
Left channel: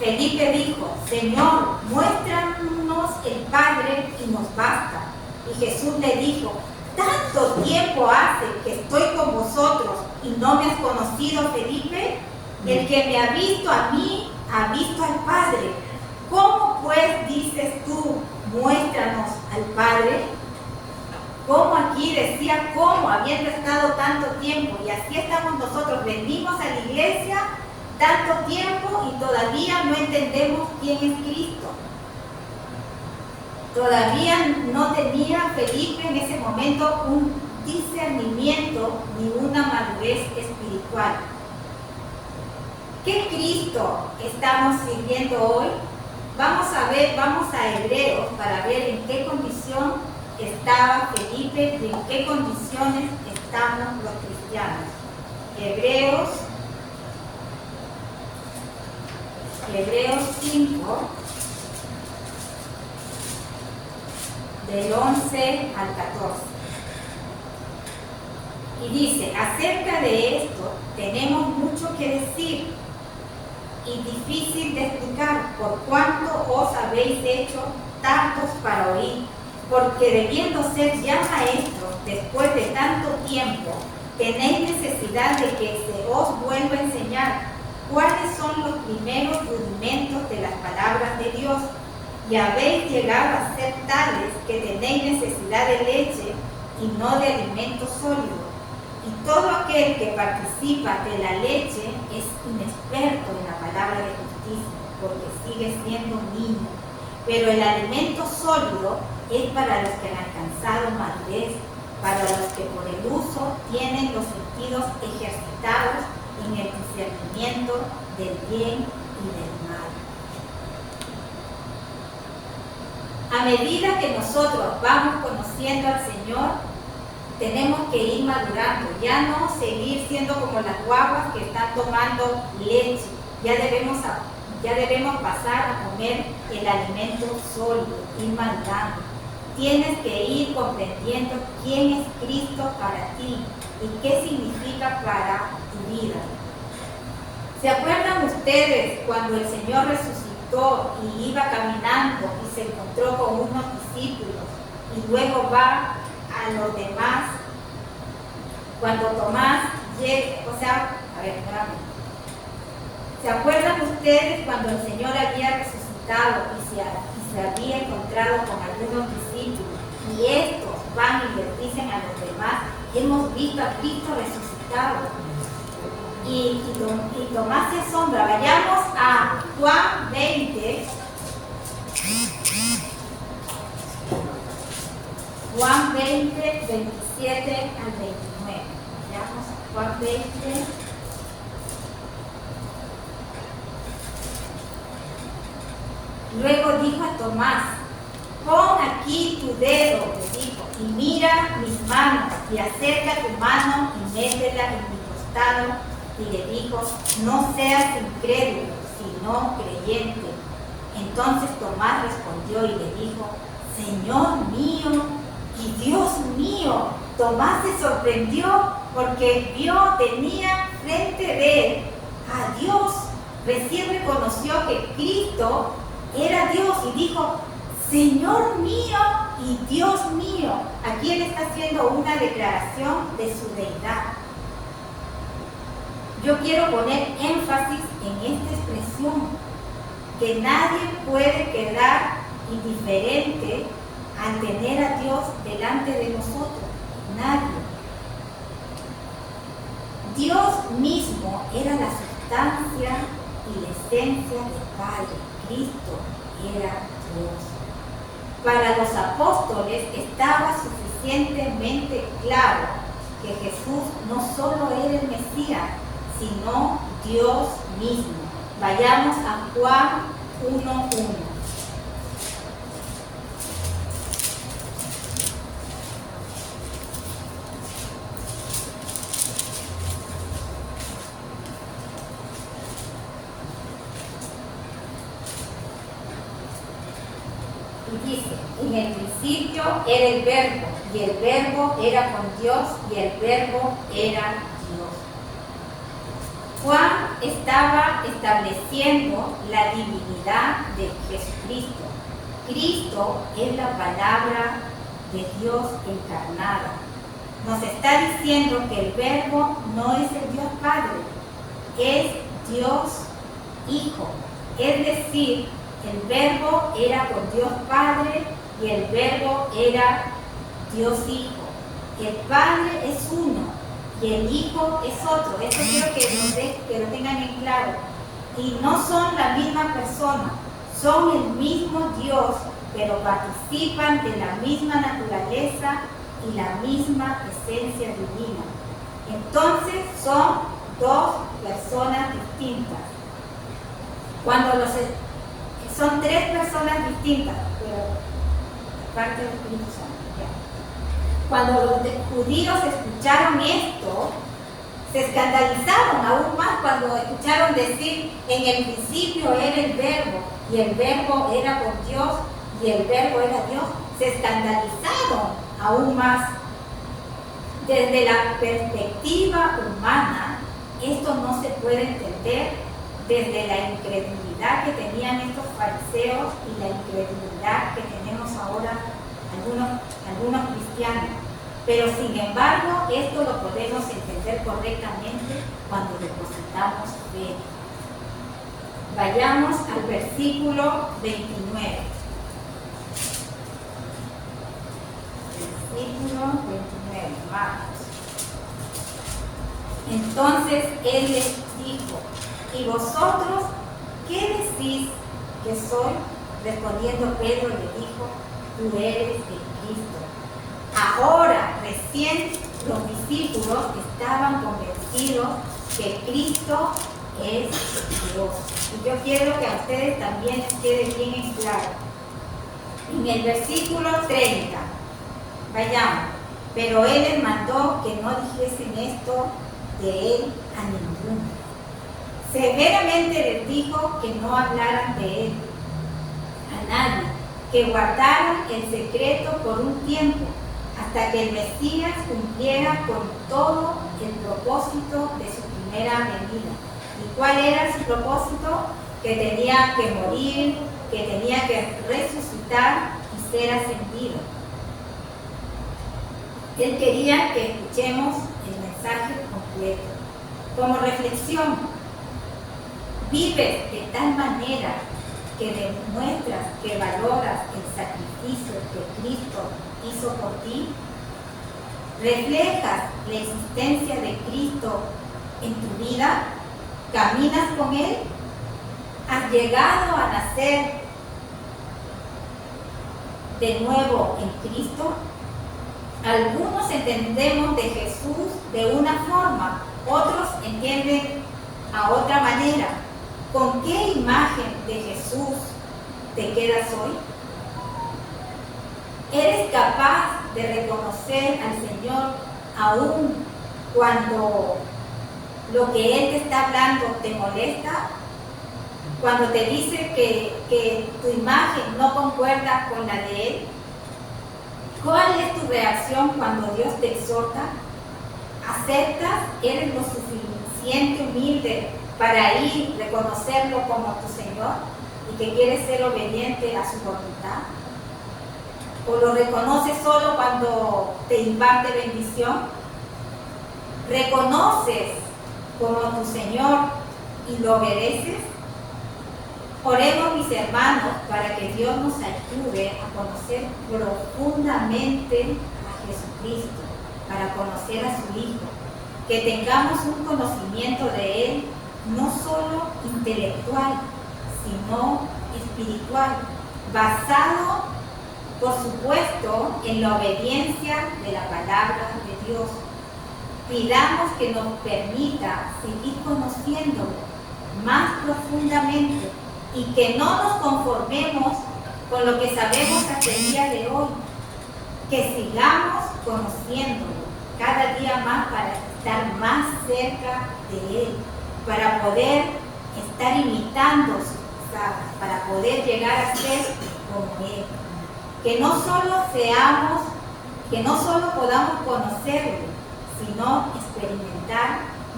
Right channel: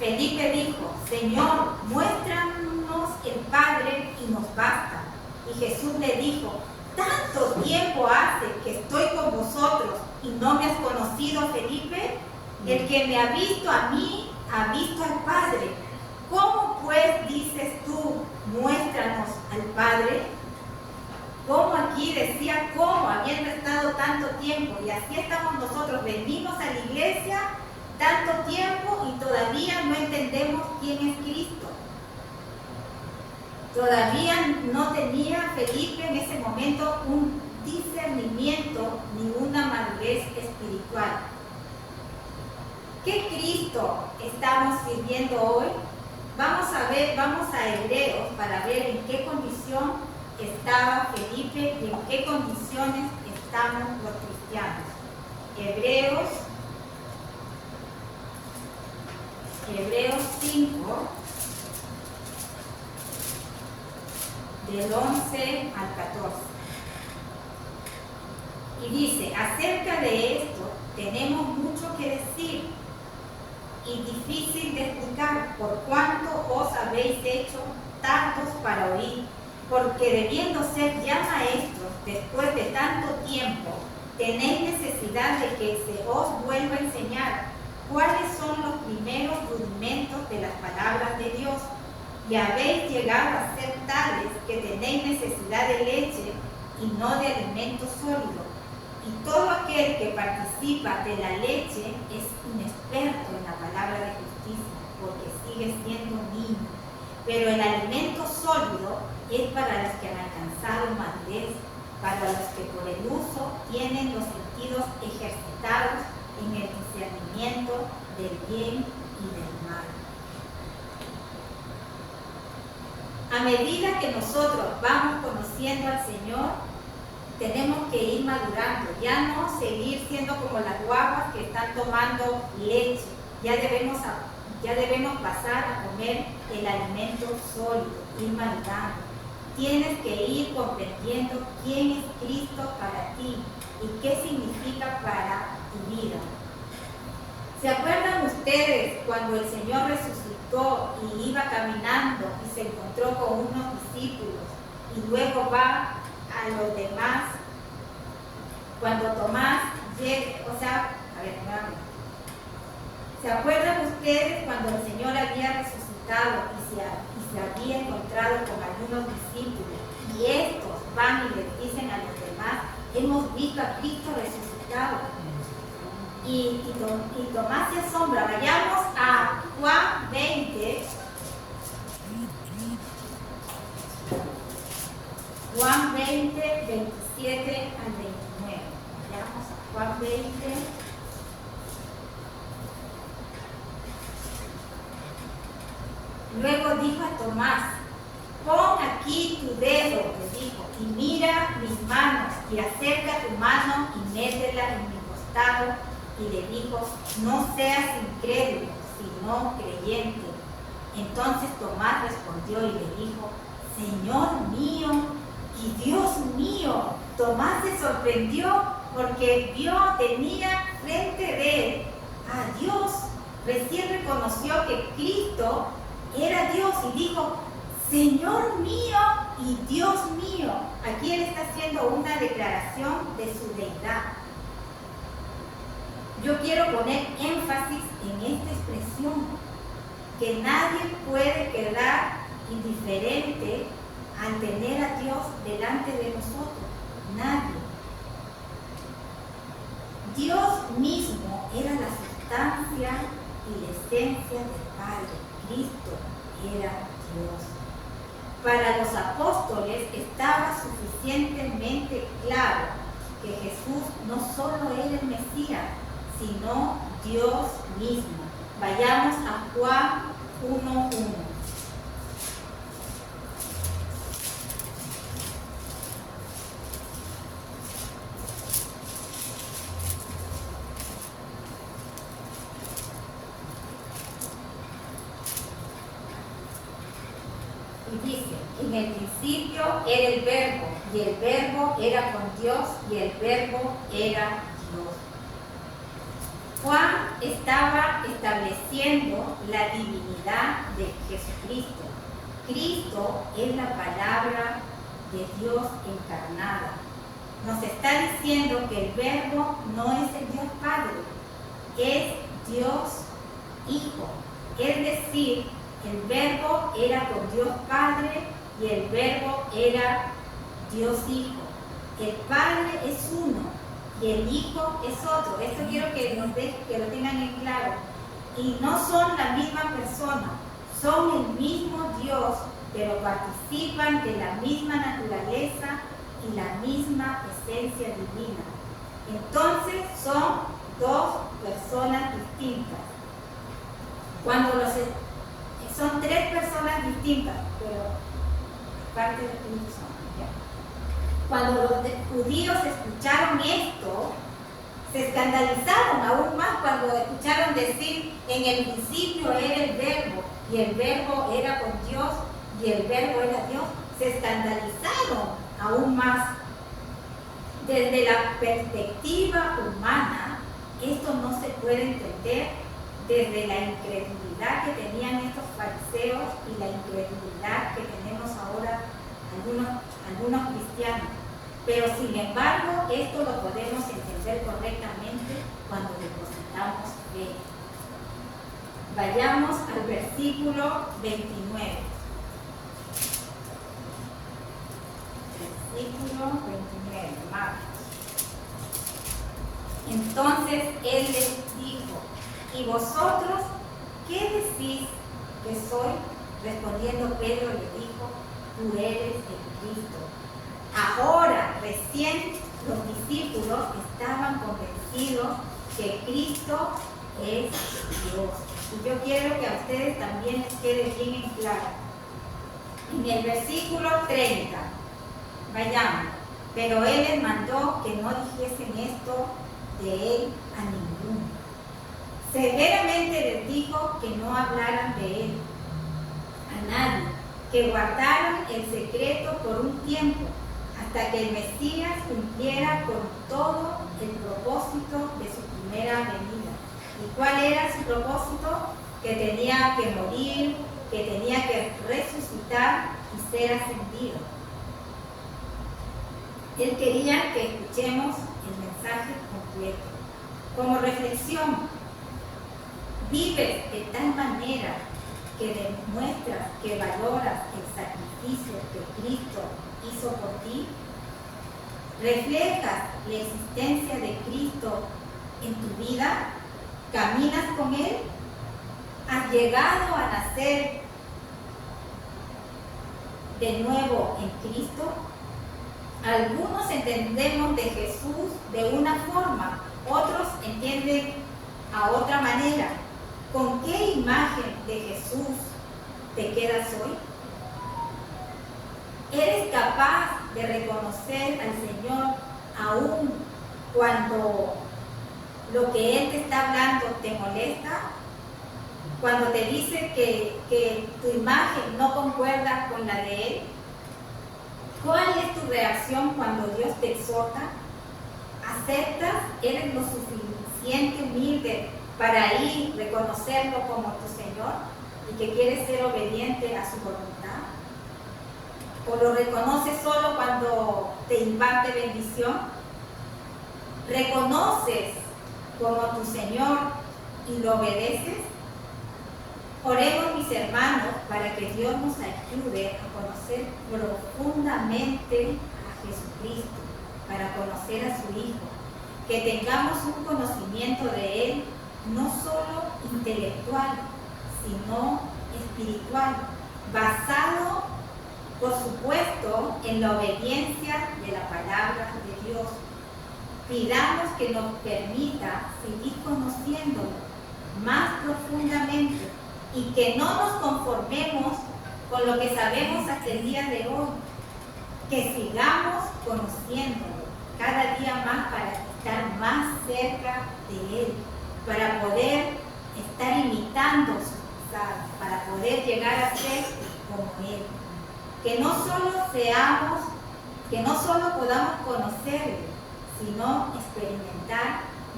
10. Felipe dijo: Señor, muéstranos el Padre y nos basta. Y Jesús le dijo: ¿tanto tiempo hace que estoy con vosotros y no me has conocido, Felipe? El que me ha visto a mí, ha visto al Padre. ¿Cómo pues dices tú, muéstranos al Padre? Como aquí decía, ¿cómo? Habiendo estado tanto tiempo, y así estamos nosotros, venimos a la iglesia tanto tiempo y todavía no entendemos quién es Cristo. Todavía no tenía Felipe en ese momento un discernimiento ni una madurez espiritual. ¿Qué Cristo estamos sirviendo hoy? Vamos a Hebreos para ver en qué condición estaba Felipe y en qué condiciones estamos los cristianos. Hebreos 5, del 11 al 14. Y dice: acerca de esto tenemos mucho que decir y difícil de explicar, por cuanto os habéis hecho tantos para oír, porque debiendo ser ya maestros después de tanto tiempo, tenéis necesidad de que se os vuelva a enseñar cuáles son los primeros rudimentos de las palabras de Dios. Y habéis llegado a ser tales que tenéis necesidad de leche y no de alimento sólido. Y todo aquel que participa de la leche es inexperto en la palabra de justicia, porque sigue siendo niño. Pero el alimento sólido es para los que han alcanzado madurez, para los que por el uso tienen los sentidos ejercitados en el discernimiento del bien y del mal. A medida que nosotros vamos conociendo al Señor, tenemos que ir madurando, ya no seguir siendo como las guaguas que están tomando leche. Ya debemos Ya debemos pasar a comer el alimento sólido, ir madurando. Tienes que ir comprendiendo quién es Cristo para ti y qué significa para tu vida. ¿Se acuerdan ustedes cuando el Señor resucitó y iba caminando y se encontró con unos discípulos y luego va a los demás? Cuando Tomás llega, ¿se acuerdan ustedes cuando el Señor había resucitado y se había encontrado con algunos discípulos y estos van y les dicen a los demás: hemos visto a Cristo resucitado? Y Tomás se asombra. Vayamos a Juan 20. Juan 20, 27 al 29. Vayamos a Juan 20. Luego dijo a Tomás: pon aquí tu dedo, le dijo, y mira mis manos, y acerca tu mano y métela en mi costado. Y le dijo: no seas incrédulo, sino creyente. Entonces Tomás respondió y le dijo: Señor mío y Dios mío. Tomás se sorprendió porque tenía frente de él a Dios. Recién reconoció que Cristo era Dios y dijo: Señor mío y Dios mío. Aquí él está haciendo una declaración de su deidad. Yo quiero poner énfasis en esta expresión, que nadie puede quedar indiferente al tener a Dios delante de nosotros. Nadie. Dios mismo era la sustancia y la esencia del Padre. Cristo era Dios. Para los apóstoles estaba suficientemente claro que Jesús no solo era el Mesías, sino Dios mismo. Vayamos a Juan 1:1. Y dice: en el principio era el Verbo, y el Verbo era con Dios, y el Verbo era Dios. Juan estaba estableciendo la divinidad de Jesucristo. Cristo es la palabra de Dios encarnada. Nos está diciendo que el Verbo no es el Dios Padre, es Dios Hijo. Es decir, el Verbo era con Dios Padre y el Verbo era Dios Hijo. El Padre es uno y el Hijo es otro. Esto quiero que lo tengan en claro. Y no son la misma persona, son el mismo Dios, pero participan de la misma naturaleza y la misma esencia divina. Entonces son dos personas distintas. Son tres personas distintas, pero parte del Espíritu Santo. Cuando los judíos escucharon esto, se escandalizaron aún más cuando escucharon decir: en el principio era el Verbo, y el Verbo era con Dios, y el Verbo era Dios. Se escandalizaron aún más. Desde la perspectiva humana, esto no se puede entender desde la incredulidad que tenían estos fariseos y la incredulidad que tenemos ahora algunos cristianos. Pero sin embargo, esto lo podemos entender correctamente cuando depositamos fe. Vayamos al versículo 29. Versículo 29, Marcos. Entonces él les dijo: ¿y vosotros qué decís que soy? Respondiendo Pedro le dijo: tú eres el Cristo. Ahora, recién los discípulos estaban convencidos que Cristo es Dios. Y yo quiero que a ustedes también les quede bien en claro. En el versículo 30, vayamos. Pero él les mandó que no dijesen esto de él a ninguno. Severamente les dijo que no hablaran de él a nadie, que guardaran el secreto por un tiempo, hasta que el Mesías cumpliera con todo el propósito de su primera venida. ¿Y cuál era su propósito? Que tenía que morir, que tenía que resucitar y ser ascendido. Él quería que escuchemos el mensaje completo. Como reflexión, vives de tal manera que demuestras que valoras el sacrificio que Cristo hizo por ti. ¿Reflejas la existencia de Cristo en tu vida? ¿Caminas con Él? ¿Has llegado a nacer de nuevo en Cristo? Algunos entendemos de Jesús de una forma, otros entienden a otra manera. ¿Con qué imagen de Jesús te quedas hoy? ¿Eres capaz de reconocer al Señor aún cuando lo que Él te está hablando te molesta? Cuando te dice que tu imagen no concuerda con la de Él. ¿Cuál es tu reacción cuando Dios te exhorta? ¿Aceptas? ¿Eres lo suficiente humilde para ir, reconocerlo como tu Señor y que quieres ser obediente a su voluntad? ¿O lo reconoces solo cuando te imparte bendición? ¿Reconoces como tu Señor y lo obedeces? Oremos, mis hermanos, para que Dios nos ayude a conocer profundamente a Jesucristo, para conocer a su Hijo, que tengamos un conocimiento de Él no solo intelectual, sino espiritual, basado, por supuesto, en la obediencia de la palabra de Dios. Pidamos que nos permita seguir conociéndolo más profundamente y que no nos conformemos con lo que sabemos hasta el día de hoy, que sigamos conociéndolo cada día más para estar más cerca de Él, para poder estar imitando sus pisadas, para poder llegar a ser como Él. Que no solo podamos conocerlo, sino experimentar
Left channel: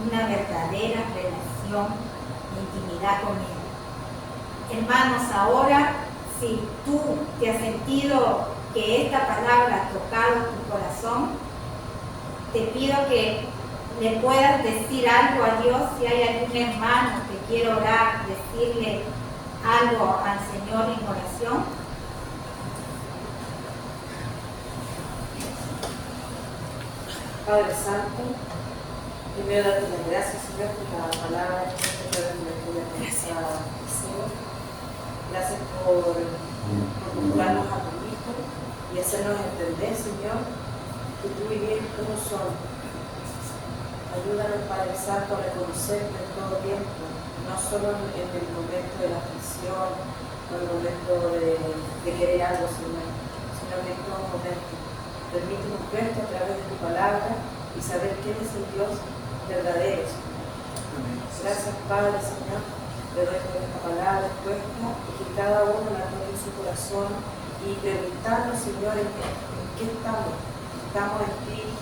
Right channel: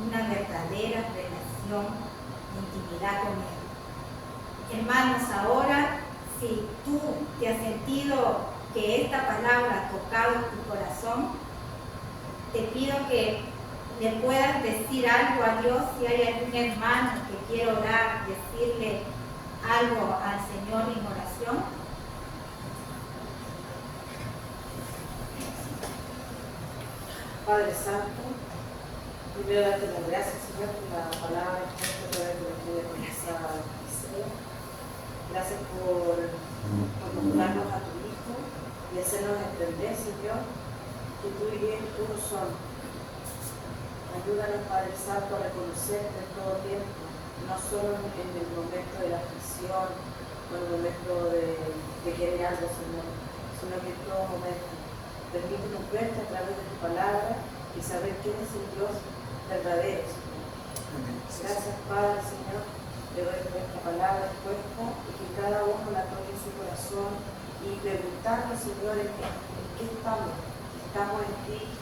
una verdadera relación de intimidad con Él. Hermanos, ahora, si tú te has sentido que esta palabra ha tocado tu corazón, te pido que le puedas decir algo a Dios. Si hay algún hermano que quiera orar, decirle algo al Señor en oración. Padre Santo, primero darte las gracias, Señor, por la palabra que nos trae de nuestra deseo. Gracias por mostrarnos a tu Hijo y hacernos entender, Señor, que tú y Él todos son. Ayúdanos, Padre Santo, a reconocerte en todo tiempo, no solo en el momento de la aflicción o en el momento de querer algo, Señor, sino que en todo momento. Permítenos ver a través de tu palabra y saber quién es el Dios verdadero, Señor. Gracias, Padre, Señor. Le doy por esta palabra puesta y que cada uno la toque en su corazón y preguntarnos, Señor, en qué estamos. Estamos en ti,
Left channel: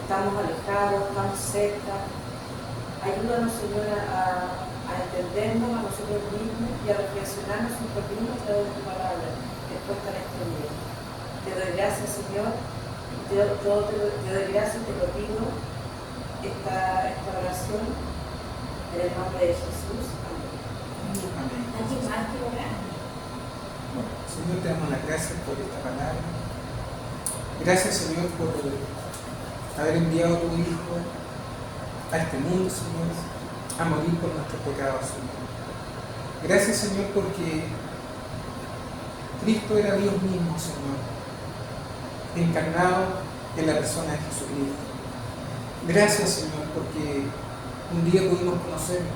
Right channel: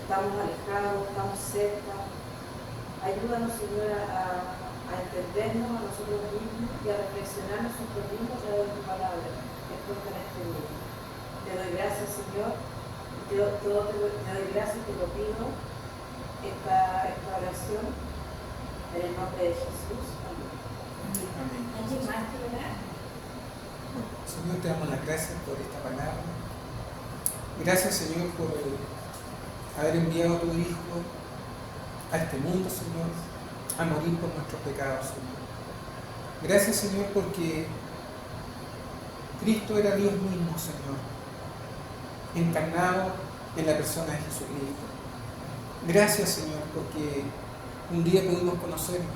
estamos alejados, estamos cerca. Ayúdanos, Señor, a entendernos a nosotros mismos y a reflexionar nosotros mismos a través de tu palabra expuesta en este día. Te doy gracias, Señor. Te doy gracias y te lo pido esta oración en el nombre de Jesús. Amén. Señor, te damos las gracias por esta palabra. Gracias, Señor, por haber enviado a tu Hijo a este mundo, Señor, a morir por nuestros pecados, Señor. Gracias, Señor, porque Cristo era Dios mismo, Señor, encarnado en la persona de Jesucristo. Gracias, Señor, porque un día pudimos conocerlo,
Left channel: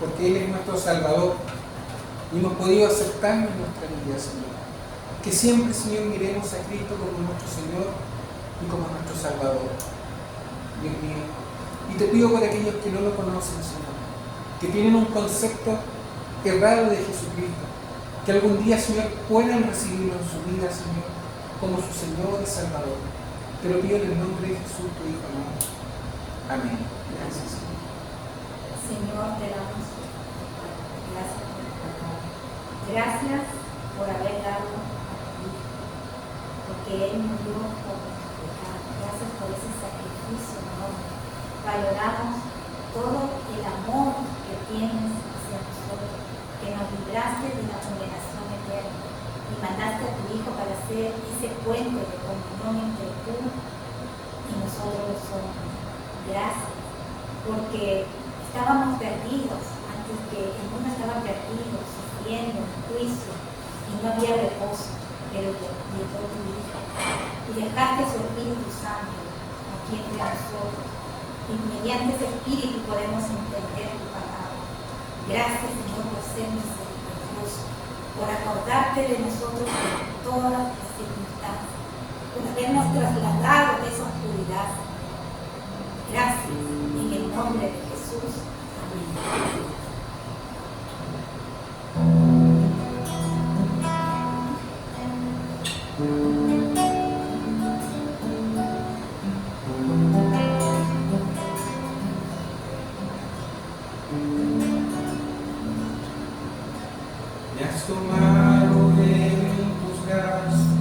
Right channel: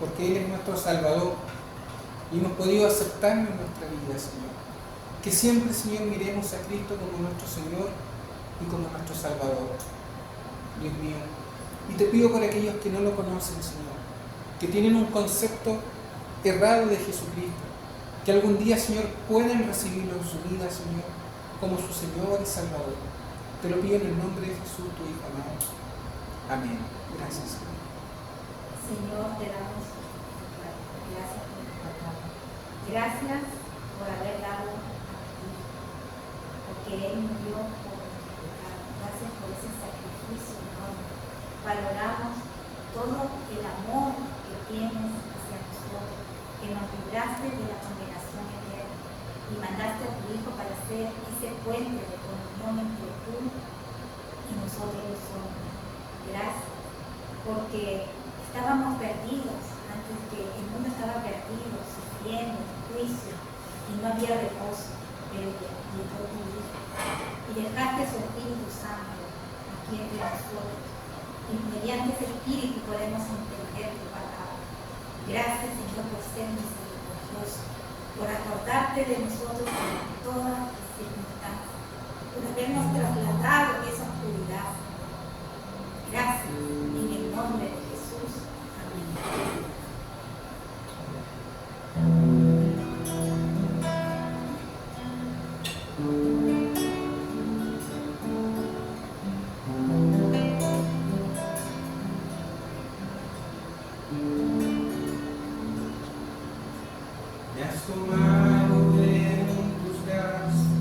porque Él es nuestro Salvador y hemos podido aceptarlo en nuestra vida, Señor. Que siempre, Señor, miremos a Cristo como nuestro Señor y como nuestro Salvador, Dios mío. Y te pido por aquellos que no lo conocen, Señor, que tienen un concepto errado de Jesucristo, que algún día, Señor, puedan recibirlo en su vida, Señor, como su Señor y Salvador. Te lo pido en el nombre de Jesús, tu Hijo amado. Amén. Gracias, Señor. Señor, te damos gracias por tu palabra. Gracias por haber dado a tu Hijo, porque Él murió por nuestro pecado. Gracias por ese sacrificio enorme. Valoramos todo el amor que tienes hacia nosotros, que nos libraste de la condenación eterna y mandaste a tu Hijo para ser ese puente de comunión entre tú y nosotros los hombres. Gracias, porque estábamos perdidos antes que el mundo estaba perdido, sufriendo, en juicio, y no había reposo, pero llegó tu Hijo y dejaste su Espíritu Santo aquí entre nosotros, y mediante ese Espíritu podemos entender tu palabra. Gracias, Señor, por ser misericordioso, por acordarte de nosotros en todas las circunstancias, por habernos trasladado de esa oscuridad, Señor. Gracias, en el nombre de Jesús. Amén. Me has tomado en tus brazos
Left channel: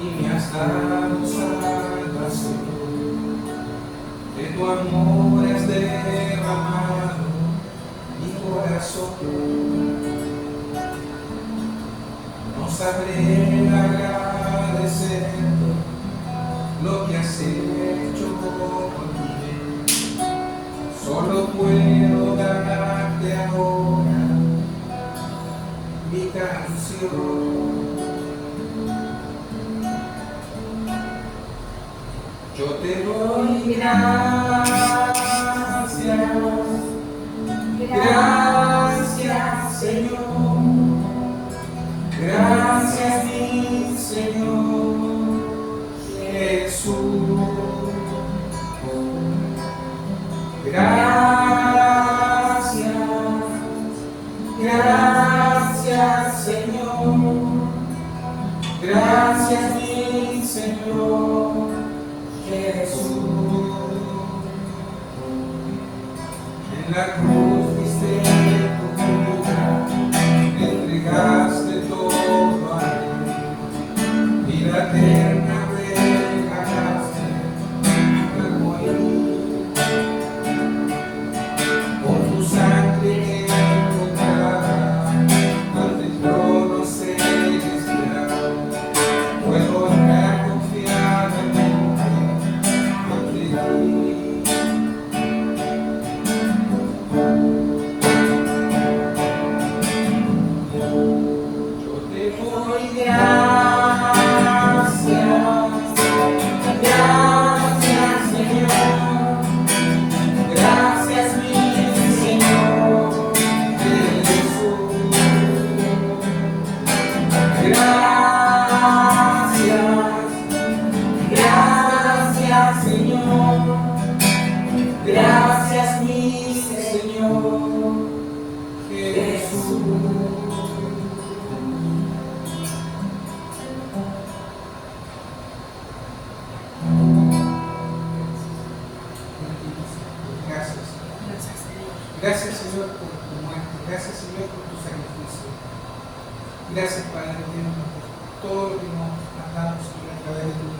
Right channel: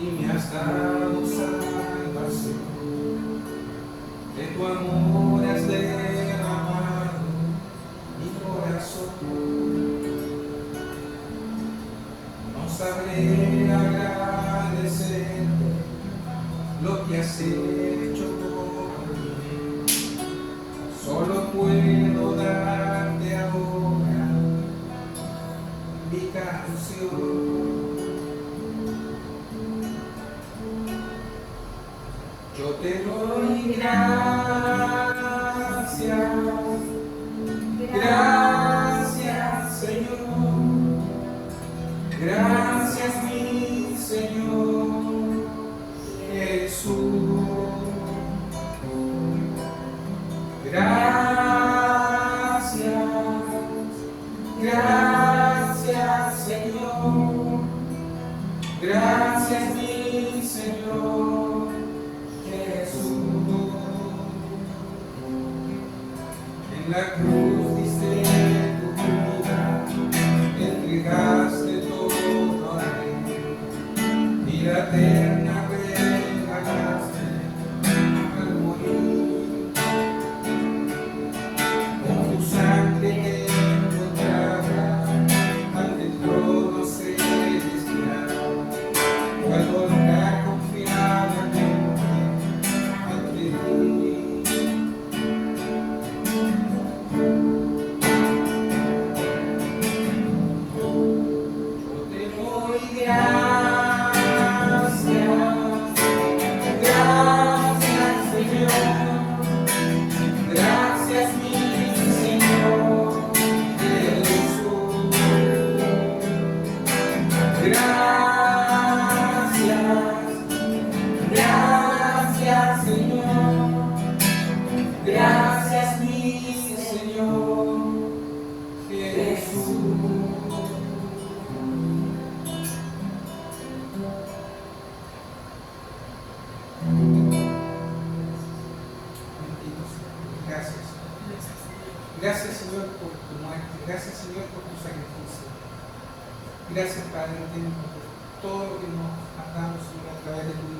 y me has dado salvación. De tu amor has derramado mi corazón. No sabré agradecerte lo que has hecho por mí. Solo puedo darte ahora mi canción. Yo te doy gracias, gracias, Señor, gracias, mi Señor Jesús. Gracias, gracias, Señor, gracias, mi Señor Jesús. En la cruz diste tu vida, me entregaste todo a Él, vida eterna regalaste al morir. Por tu sangre encontrada ante el trono celestial, puedo estar confiadamente ante ti. Yo te doy gracias, gracias, Señor, gracias, mi Señor Jesús. Gracias, Señor, gracias, mi Señor Jesús. Gracias. Gracias, Señor, por tu muerte. Gracias, Señor, por tu sacrificio. Gracias, Padre eterno, por todo lo que nos has dado, Señor, a través de tu